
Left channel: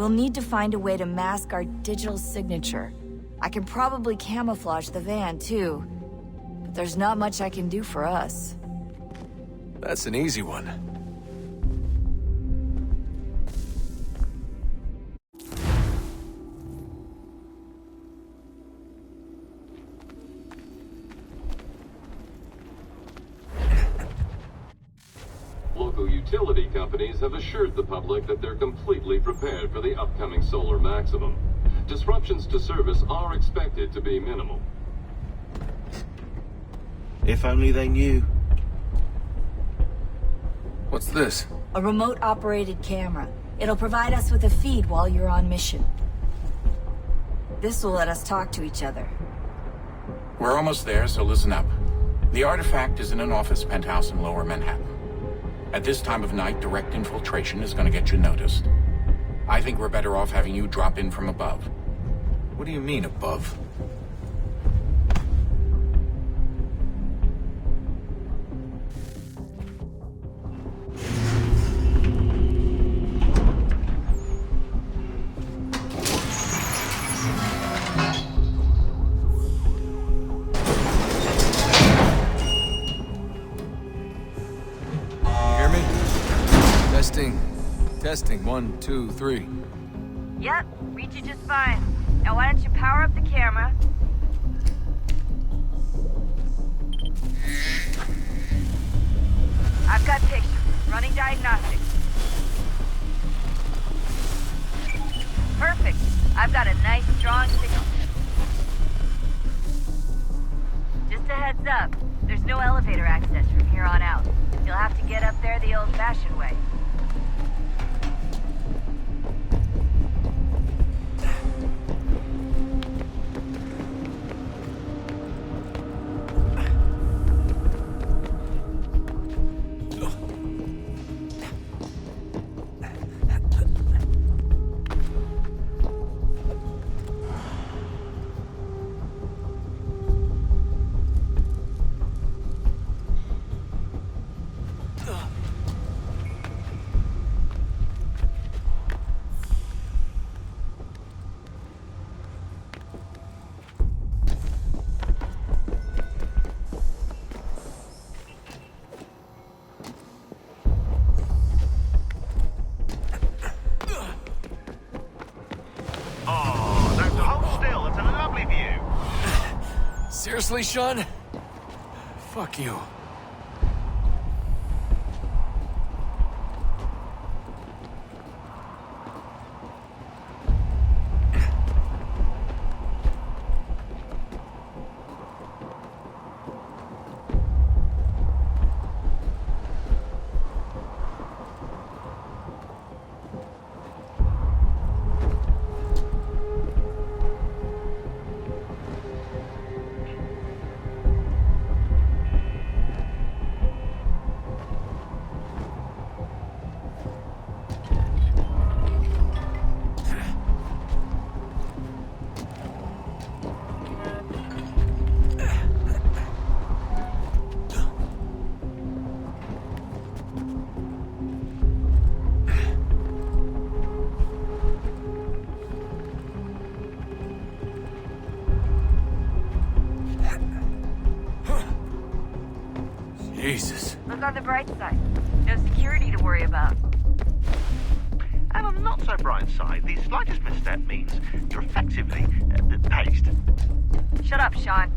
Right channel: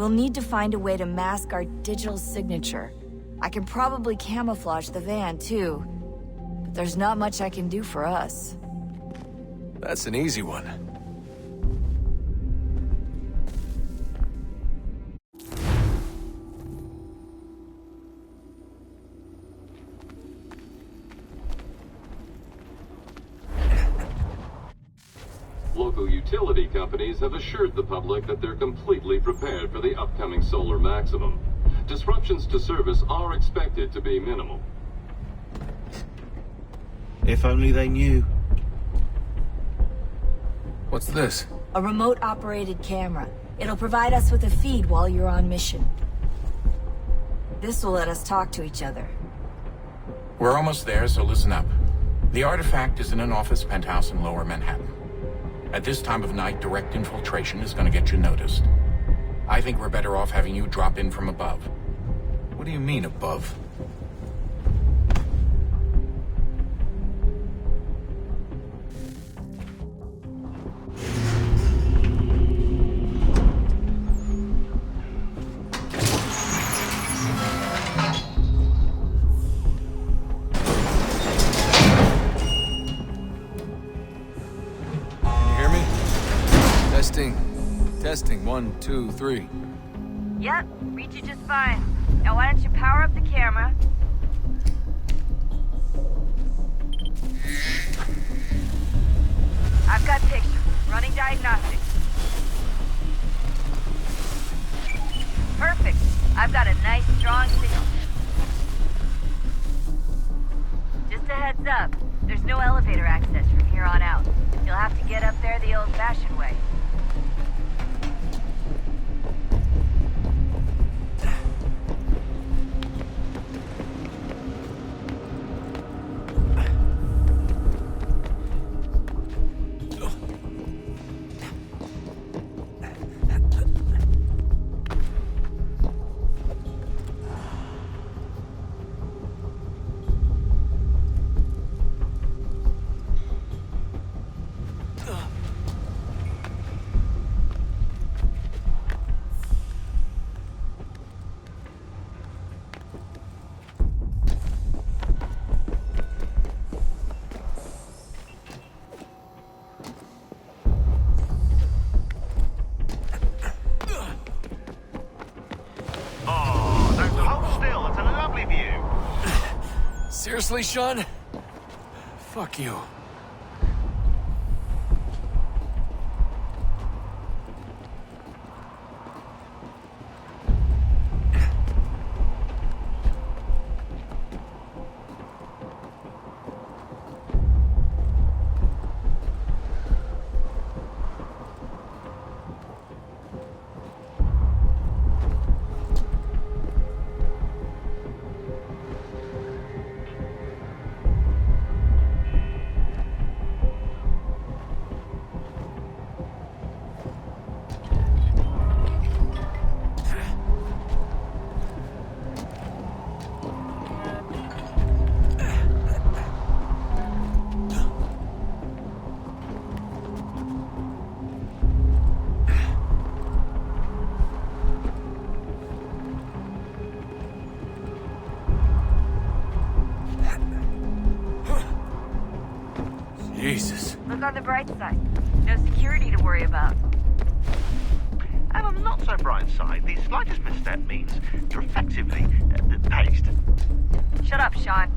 We'll need to find a way to mask our digital signature. I can probably camouflage the van, too. But there's not much I can do for us. That's an easy one. Local utility companies have assured the public that they're completely prepared for the upcoming solar maximum. Disruptions to service are expected to be minimal. If only they knew. What's this? A remote-operated camera. It'll provide us with a feed while you're on mission. This will let us talk to each other. We're almost there, so listen up. The artifact is in an office penthouse in Lower Manhattan. At this time of night, direct infiltration is going to get you noticed. I think we're better off having you drop in from above. What do you mean, above? Testing, 1, 2, 3. Yep, read you just fine. Now why don't you power up the camera? I've got pictures. Running diagnostics. Perfect. I've got a nice, strong signal. Just a heads up. There's no elevator access from here on out. You'll have to get up there the old-fashioned way. Seriously, Sean? Fuck you. Jesus. Look on the bright side. No security to worry about. And on the not so bright side, the slightest misstep means you're effectively paced. Shut up, Sean.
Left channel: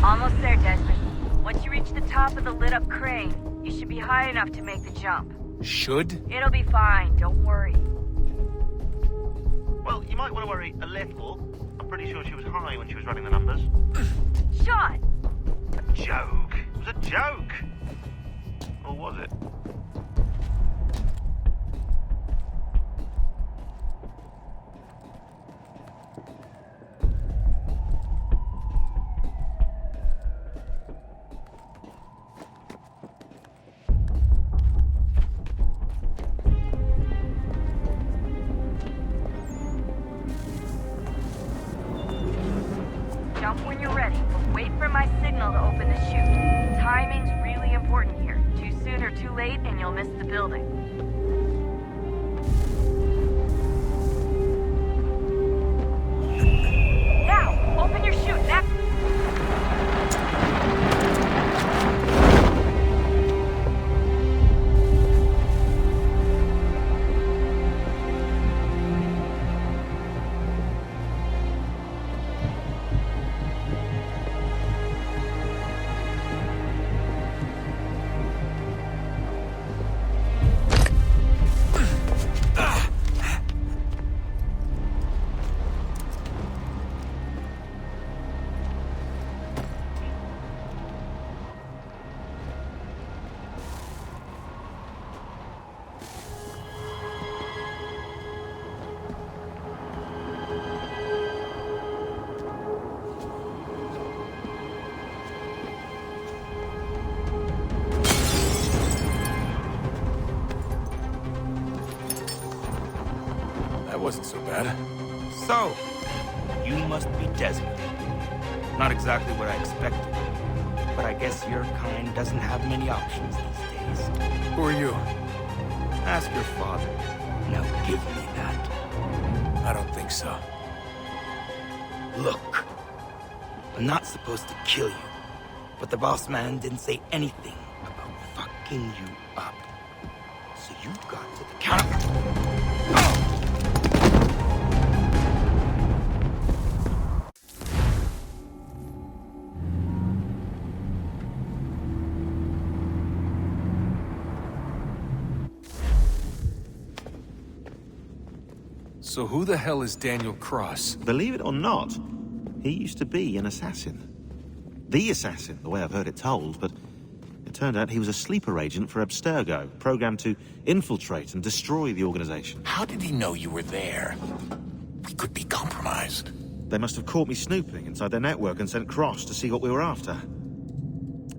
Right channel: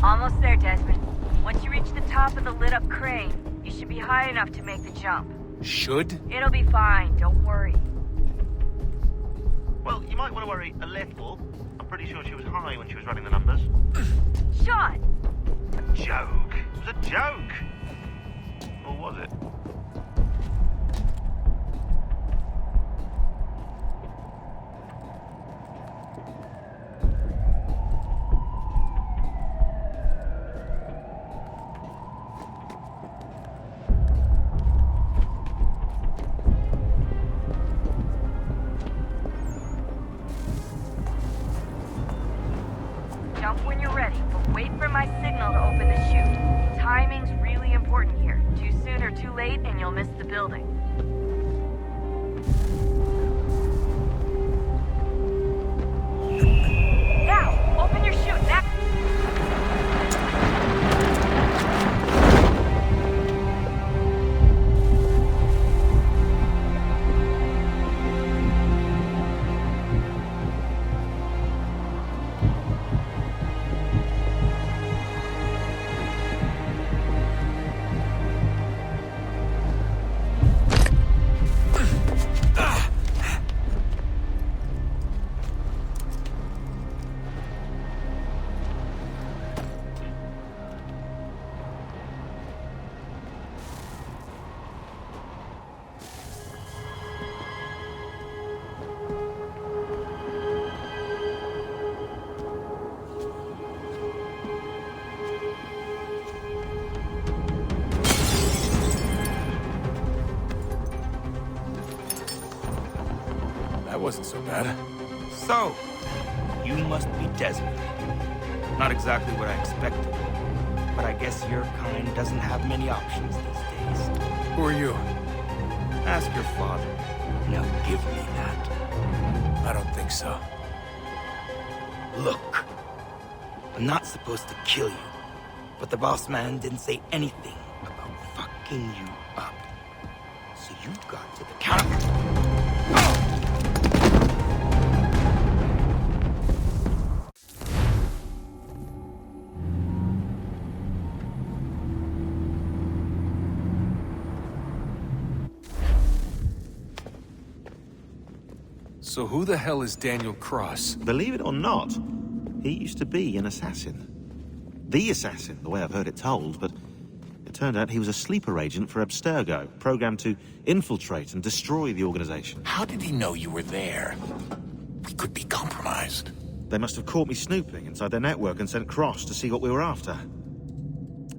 Almost there, Desmond. Once you reach the top of the lit-up crane, you should be high enough to make the jump. Should? It'll be fine, don't worry. Well, you might want to worry a little. I'm pretty sure she was high when she was running the numbers. Sean! A joke. It was a joke. Or was it? Too soon or too late, and you'll miss the building. Now, open your chute. Now. That wasn't so bad. So, you must be Desmond. Not exactly what I expected, but I guess your kind doesn't have many options these days. Who are you? Ask your father. Now give me that. I don't think so. Look, I'm not supposed to kill you, but the boss man didn't say anything about fucking you up. So you got to the counter. So who the hell is Daniel Cross? Believe it or not, he used to be an assassin. The assassin, the way I've heard it told, but it turned out he was a sleeper agent for Abstergo, programmed to infiltrate and destroy the organization. How did he know you were there? We could be compromised. They must have caught me snooping inside their network and sent Cross to see what we were after.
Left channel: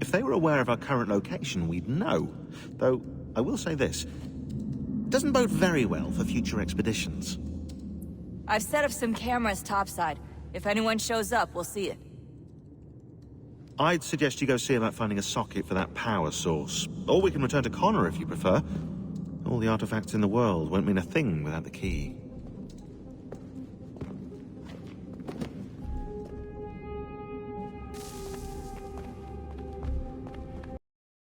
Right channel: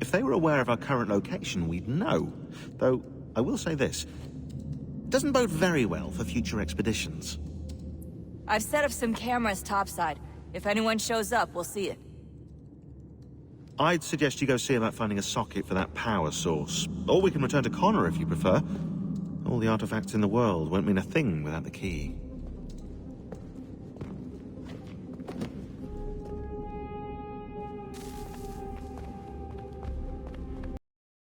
If they were aware of our current location, we'd know. Though, I will say this. It doesn't bode very well for future expeditions. I've set up some cameras topside. If anyone shows up, we'll see it. I'd suggest you go see about finding a socket for that power source. Or we can return to Connor if you prefer. All the artifacts in the world won't mean a thing without the key.